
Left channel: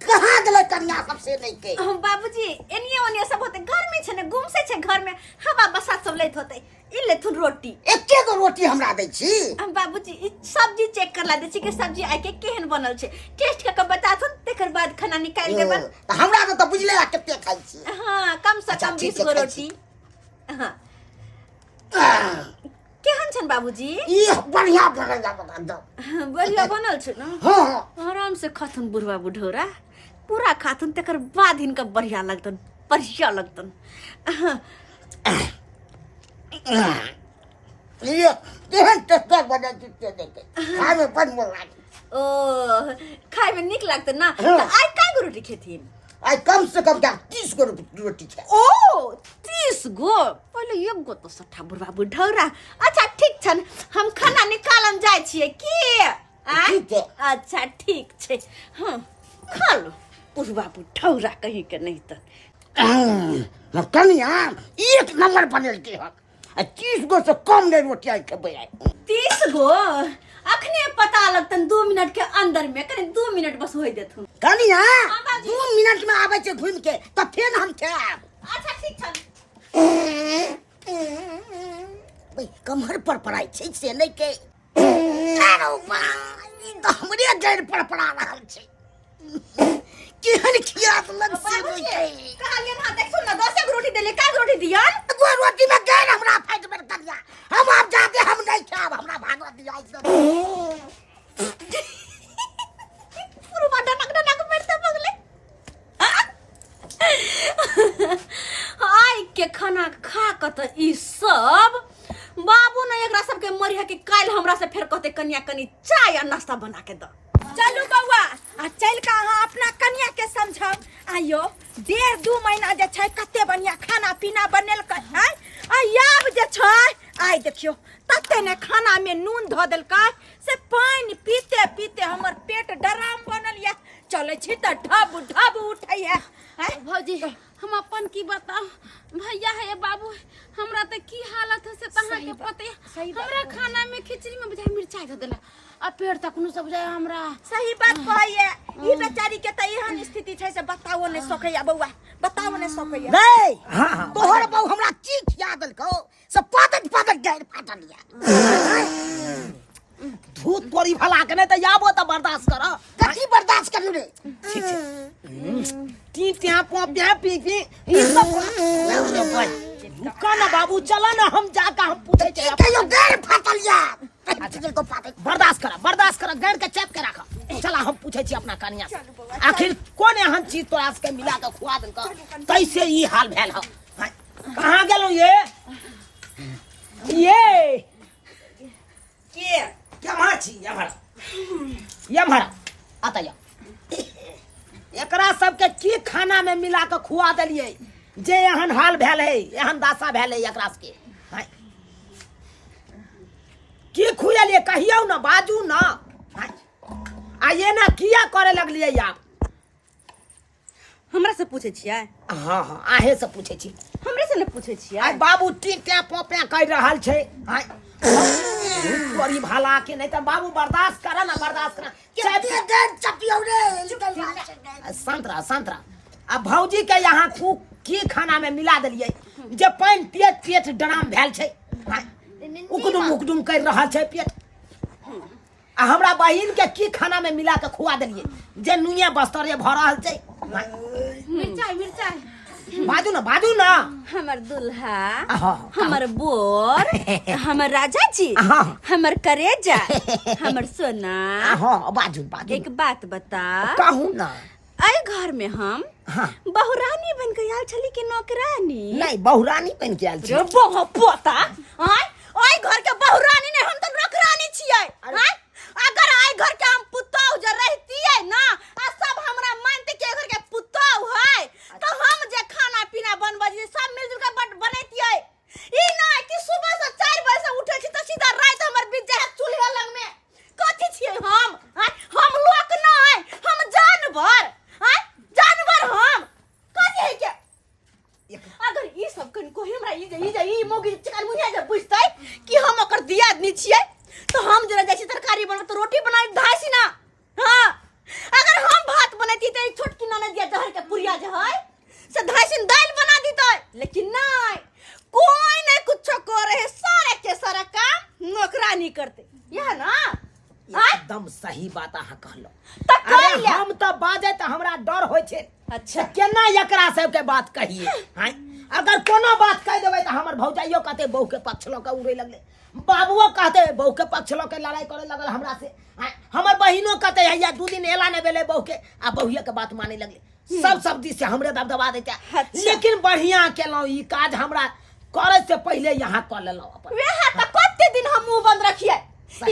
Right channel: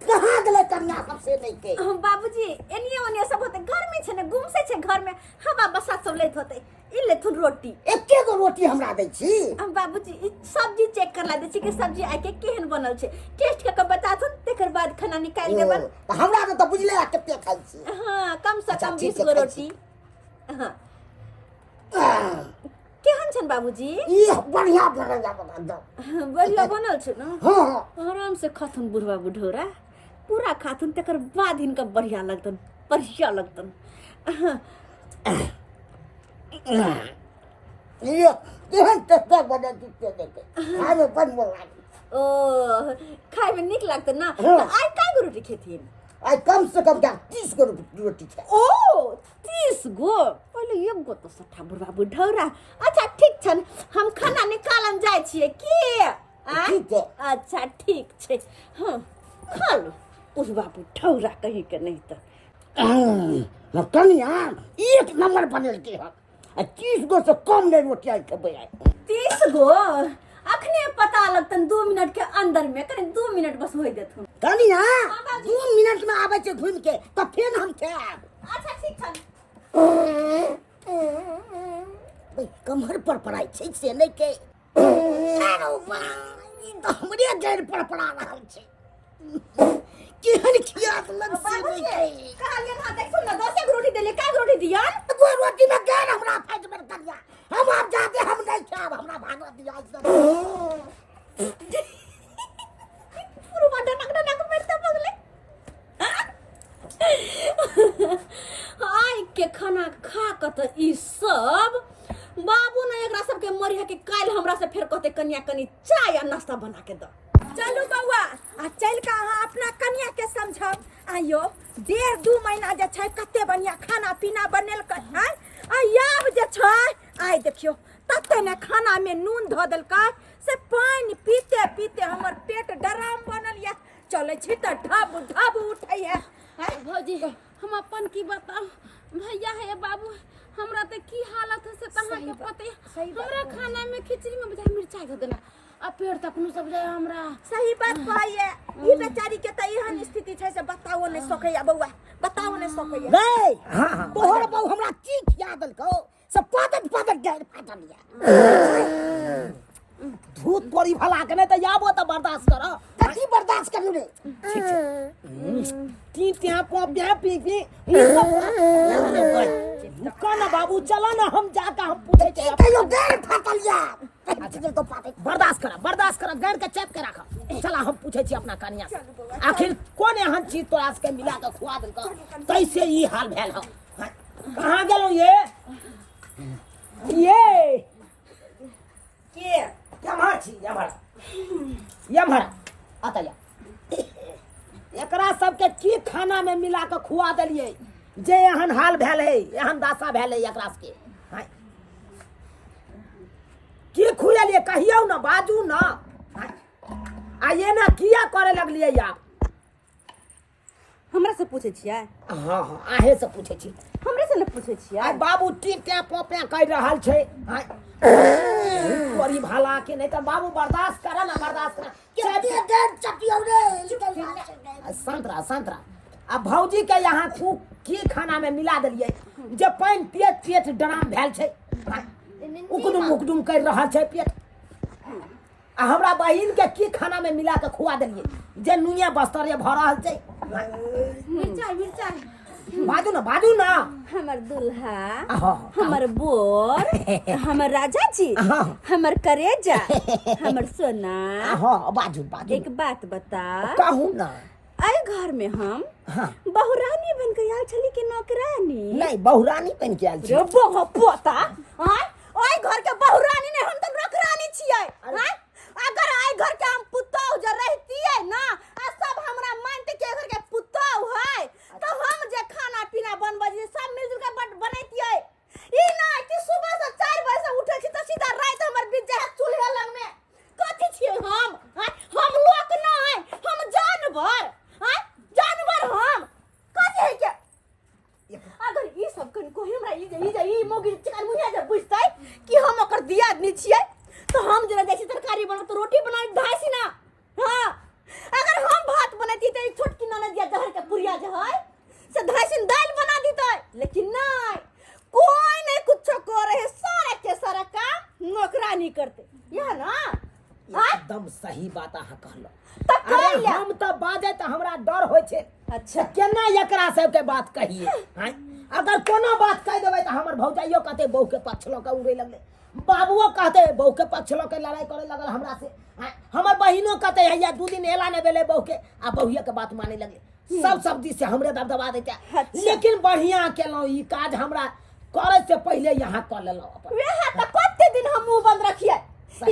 कहां गेलै कन्या सबसे नहीं के बाबूजी एनिए ओनिए सब होते गर्मी छे ने गुमसे छे घर में हवा बसात सब लैत होते ई लेथुन रोटी एके गो रोटी हमरा दै छी बाबूजी ई सब्जी चेक करला दै छी कि सब्जी आइ के केहन बनल छे टेस्ट के बताथुन तेकर बाद खाना निकाल देबन त हमरा तो बुझले आ कते खाइ छी हां कम से कम 20 गो रोटी हां केहन छन बाबूजी ई बढ़िया बनल छे ना हां आराम से खाथुन बुढ़वा बुढ़ौरा पूरा खाथुन तेकर बाद इनका बढ़िया लगतन ये केहन टेस्ट बने दिते देखे खाए में बड़ मन लागे ओ खाए में निक लगतन ना त आइ काय गो रोटी खेथिन आई कम से कम 30 गो रोटी छे ओ 30 गो पहिले एक गो तो सठा बुढ़वा बुढ़ौरा अच्छा ठीक छन हम खाना निकालम जाय छिए की ठीक है अच्छा ठीक छे हां खा लो बुढ़वा बुढ़ौरा कहीं के नहीं त कनिया एक नंबर बनल के ह 30 गो से कम नहीं रोटी आई खेबै 30 गो अखने पता लगतन 2 मिनट के अंदर में कने 2 मिनट बस होई देथुन कनिया 2 मिनट में आबै छै घुम के त फेर हम खाब अच्छा ठीक छन भाई कमर पर पड़ाई छै से नहीं के अरे वाह ई त हमरे जड़ पर पड़ा रहल छै केहन खियात लग से नहीं के कहलियन हां देख सुन ना 10 रोटी देले का रोटी दियन वो रोटी में गैर हमरा फाइट में करिया हम आप जाते हम नहीं खाब हमरा भागवा दिया पूरा डनक मेरते बगले आई के खाना खा क त ई सब बाबू ने एकरा सब के मरिया के काल हमरा से फेर कहते कन्या कनी चाय आ नाश्ता बना के द चलू बौआ आ चल का अहाँ अपना कन्या के समझब आयो 1.5-2 महीना जे छै कते बढ़िया खाना पीना बनेल कै आब जे छै आइ देखियो तते ने खाना में नून ध देलकै से पानी पीते पीते हमर पेट डराम बनल या चले छी त ढब ढब उठै है भौजी हम अपन की बताओ भैया है बाबू हमरा त की हालत है से तहां के पते हमरा खाना में खिचड़ी में बुझाय मिर्चाई ध देला आ पेड़ तक नु सब जाय हमरा सही बात कहैया ई बेचारी के त एहन स्थिति छै से बताओ ने सकैया बौआ बताओ ने सकैया रे हां तोहर बहु हमरा चीख याद लको सब पादक गैर फाटल या धूत तोरी भला के नहीं तो याबो तो बर्दाश्त करो कथी बर्दाश्त करू रे ठीक है ती त्या पोप्या पी ई सब रुका ना बाबू चला ना हम जाकर हम पूछे छे कहियो गैर फाटल या तो बर्दाश्त करा गैर के चेप के रखा चला हम पूछे छी अपना कन्या से आखिर कौन एहन चीज तोरा के मिला के खुआ देल का कैसे ई हाल भेल ह कहां गेलो ये के यमहर छी यमहर आता या एकरा सबके की खाना में मिला के खुआ देलिए जे एहन हाल भेल है एहन दासा भेल है एकरा के की खुएलिए कहियो ना बाजू ना आ ये ना किया करे लगलिए आप हमरा से पूछे छियै हां आहे से पूछे छी हमरे से न पूछे छियै आ बाबू टीटे पोपे कह रहल छै बड़ी भाला के नहीं तो बाबू बर्दाश्त करा चपियो रे संतरा अब भौजी के यहाँ की खाना में मिला दिलिए जे पानी पेट डराम भेल छै उकदुम कर रहल छै पेट आ हमरा बहिन के की खाना में मिला के खुआ दिलिए जे नुइया बस्तरे भ रहल छै मिर्चाई बाजू ना हमर दुल्हा हमर बोर हमर राजा जी हमर करेजा हमर सोना बाजू एक बात बता कहू ना आए घर में हम बहुरानी बन के आयल छली के नौकरानी नहीं बहुरानी बन के आयल छी रे बहु पोता आय घर के बहुरानी ने हम तो नौकरानी छियै अगर आय घर के हम पुतौह जे रहतियै ना आ सब हमरा मानते के घर के पुतौह है तो हम जे खाना पीना बनबे सब मिलजुल के बनैतियै ई ना कि सुबह से 4 बजे से उठे छी त सीधा रात हमर बीत जाय चूल्हा लग में कथि छियै हम लोक ना है हम जानवर हम कथि है के अगर ई सब कन को हमरा ई मोगी चिकन मुनिया जे बुझतै कि हम ओकर दियादनी छियै तो हम जरा जैसी तरकारी बना तो रोटी बनाई धासी ना हां अगर हम भात बनैती त छोटकी ननद दिया जहर के पुरिया जे है से धासी दाल बना दीतै लेकिन नहीं कोई नहीं कुछ करे है सारे के सारा काम नौकरानी करते यह ना एकदम सही बात अहाँ कहलो अरे हम तो बाजे त हमरा डर होय छै अच्छा केना एकरा सब के बात कहिए अगर कोनो बात कह देबै त हमर भौजाइयो कहते बहू के पक्ष ल के उड़े लगले बाबुओ कहते बहू के पक्ष ल के लड़ाई करे लगल हमरा से हमर बहिनो कहते हैया 2 दिन एला ने भेले बहू के आ बहुए के बात माने लगले सब दिस से हमरे दबदबा देता लेकिन बढ़िया केलो ई काज हमरा करे से पहले यहाँ कर लेलो अपन वेहा त कते दिन हम मुंह बंद रखिए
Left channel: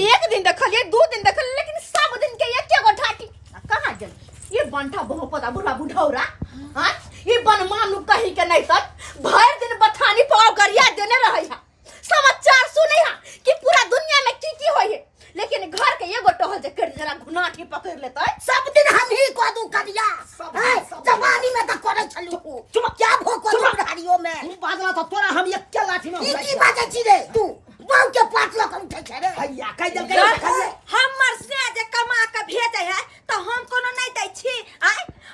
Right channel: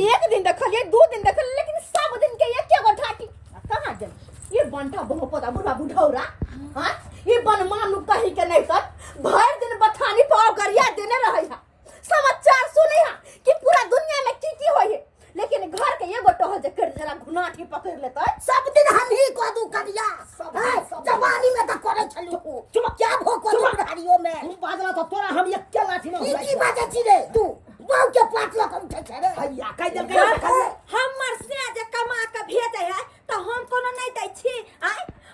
एक दिन देखलिए 2 दिन देखलिए लेकिन सब दिन के एके गो ठाटी कहां गेल ये बनठा बहु पता बुढ़ा बुढ़ौरा हां ये बनमानु कहीं के नहीं तक भर दिन बथानी पाव गरिया देने रहै है समाचार सुनै है कि पूरा दुनिया में की होय है लेकिन घर के एगो टहल जे कर जरा घुनाठी पकड़ लेतै सब दिन हम ही को दू करिया जवानी में त करे छलु तुम क्या भोको बुढ़ारियों में तू बाजला तो तोरा हम एक के लाठी में की बाजे छी रे तू बहु के पाट ल के उठे छे रे भैया कह दे हमर से जे कमा के भेजे है तो हम कोनो नहीं दै छी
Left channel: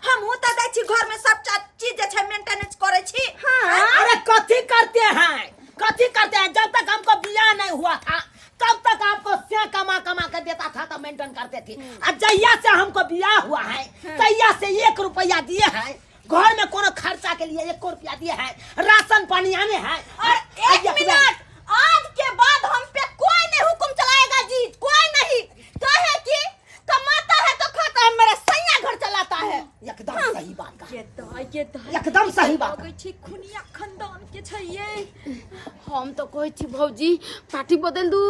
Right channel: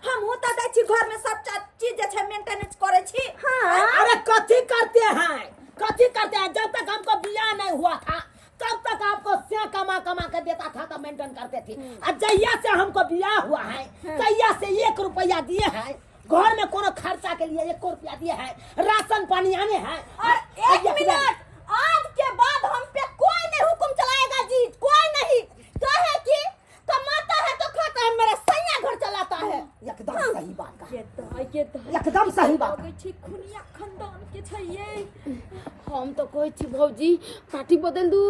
हम होता दै छी घर में सब चीज जे छै मेंटेनेंस करे छी हां अरे कथी करते हैं जब तक हमको बियाह नहीं हुआ था तब तक आपको क्या कमा के देता था तो मेंटेन करते थे और जहिया से हमको बियाह हुआ है तहिया से 1 रुपया दिए हैं घर में कोनो खर्चा के लिए 1 रुपया दिए हैं राशन पानी आने हैं एक मिनट आज के बाद हम पे कोई नहीं हुक्म चलाएगा जी कोई नहीं कहे कि कमाता है तो खाता है मेरा सैया घर चलाता है एकदम सही बात ये तो एकदम सही बात छी खुनिया खानदान के छै ये हम तो कहै छी भौजी पार्टी बदल दू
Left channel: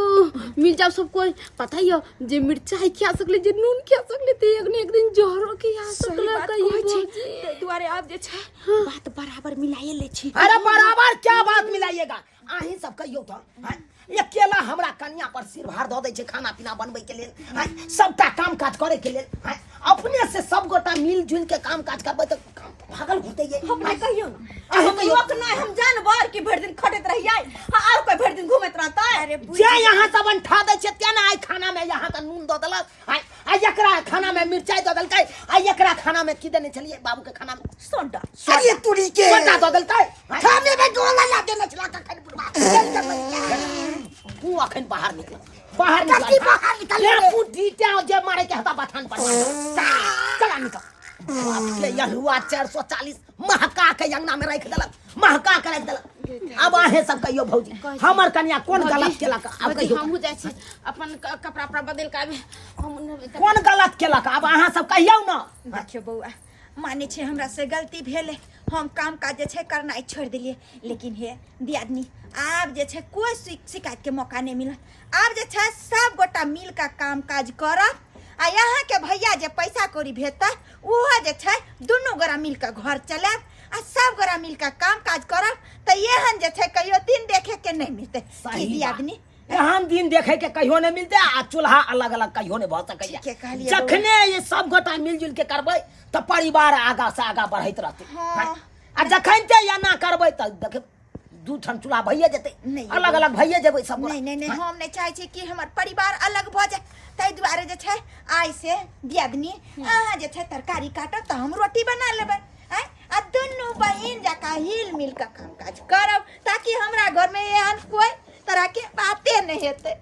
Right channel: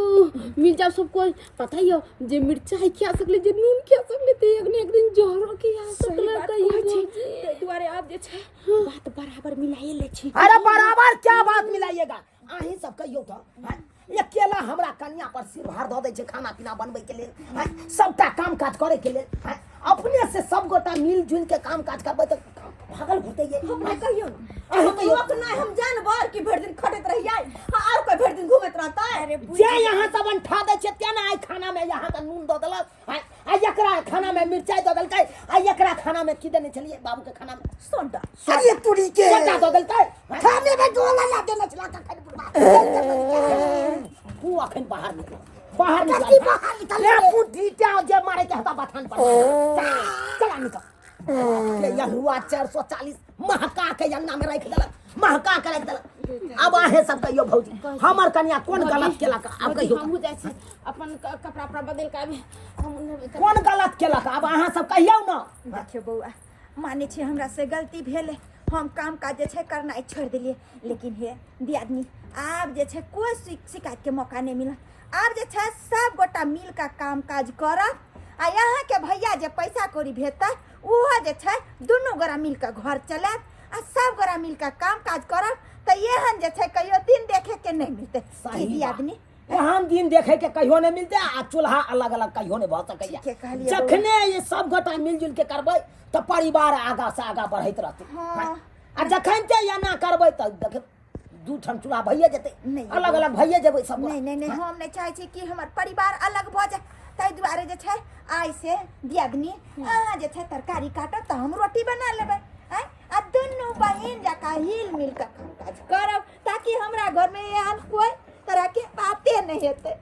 मिल जाओ सब कोई पता ही जे मिर्चाई खा सकले जे नून खा सकले ते एक दिन जहरो खा सकले कहिए ते दुआरे अब जे छै बात बराबर मिलाइए ले छी अरे बराबर क्या बात मिलाइएगा आही सब कहियो तो अकेला हमरा कन्या पर सिर भार दऽ दै छै खाना पीना बनबै के लेल हैं सबटा काम काज करे के लेल हैं अपने से सब गोटा मिल जुल के काम काज करबै त भागल घुरते ये हमरा कहियो ना अहाँ हम कहियो। लोक नहीं हम जानबर कि भर दिन खटत रहिए और कोई भर दिन घूमत रहता अरे जे यहाँ सब अंठा दै छै तेना आइ खाना में यहाँ का नून दऽ देलक आ एकरा खाना में मिरचाई दऽ देलकै आ एकरा खाना में की देने छलिए बाबू के खाना में सोडा अरे तुरी के सोडा दऽ देलकै खाने में गोला ला देना चला का खाने बुढ़वा तू अखन बाहर निकल बाहर कथी निकल बाहर निकल ले रे? बुद्धि त्या जे मारे के हता बथान पर चला निकल के यहुआ 440 महका के अंगना में रख देलक महका के रख देलक अब आहे सब कहियो भौजी हमर कन्या कोन गलत केलक अब कहियो हमहू जाइ छी अपन कपड़ा उपड़ा बदल के आबे हम कोन गलत केलक अब अहाँ सब कहियौ न देखियो बउआ माने छे हमरा से गलती भेले हम काम काज जे छे करनाइ छोड़ दिलिए लेकिन हे दियादनी आब जे छे कोई शिकायत के मौका नहीं मिला आब जे छे सब गोटा मिल का काम काज करब आ यहाँ के भैया जे पैसा कौड़ी भेजता उहो जे छे दुनू गोरा मिल के घर चलाब आ सब गोरा मिल के काम काज करब त एहन जे छे कहियो दिन देखे के नहीं मिलते सही की दियादनी एहन दिन देखे के कहियो नहीं मिलते आ चूल्हा अलग अलग कहियो नहीं भ सकैया ठीके कहलियै जखने ये सब गोटा मिलजुल के करबै त परिवार आगा से आगा बढ़ैत रहतै हाँ। आ जखन ते या ना करबै त देखे दू ठन चूल्हा भइए जेतै नहीं, अलग अलग भइए जेबै सब गोटा। नहीं नहीं नहीं हम नहीं चाहे छी कि हमर परिवार अलग भ जाए ताहि दुआरे जे छै आइ से दियादनी अहाँ जे छै तरकारी काटब त हम रोटी बना लेबै हैं आ दुनू बहिन जका हिल मिल के काम काज करब ताकि हमरा घर में एहन कोई तरह के बातें नहीं हेतै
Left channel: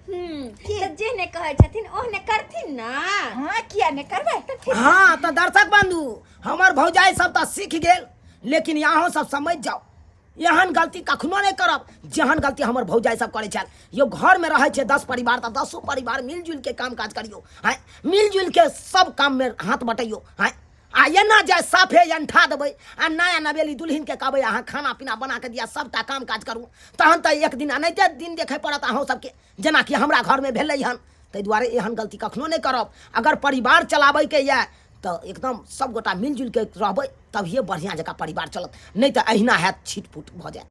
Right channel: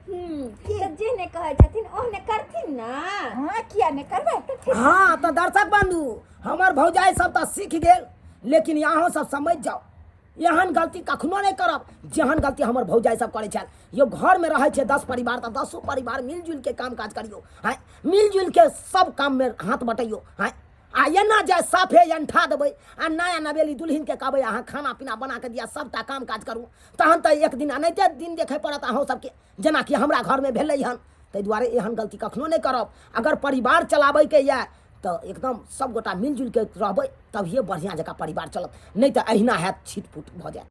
तो जे ने कहै छथिन ओहने करथिन ना हां किया नहीं करबै त ठीक हाँ तो दर्शक बंधु हमर भौजाई सब तो सीख गेल लेकिन यहाँ सब समझ जाओ एहन गलती कखनो नहीं करब जेहन गलती हमर भौजाई सब करे छल यो घर में रहे छे 10 परिवार तो 10 परिवार मिलजुल के काम काज करियो हैं मिलजुल के सब काम में हाथ बटाइयो हैं आ एना जाए साफे अंठा देबै आ नया नवेली दुल्हन के कहबै अहाँ खाना पीना बना के दिया सबटा काम काज करू तहन तऽ एक दिन अनैते दिन देखे पड़त अहूँ सबके जेना कि हमरा घर में भेलै हन ताहि दुआरे एहन गलती कखनो नहीं करब अगर परिवार चलाबै के ये तो एकदम सब गोटा मिलजुल के रहबै तभिए बढ़िया जकाँ परिवार चलत नहीं तो अहिना हैत छिटपुट भऽ जायत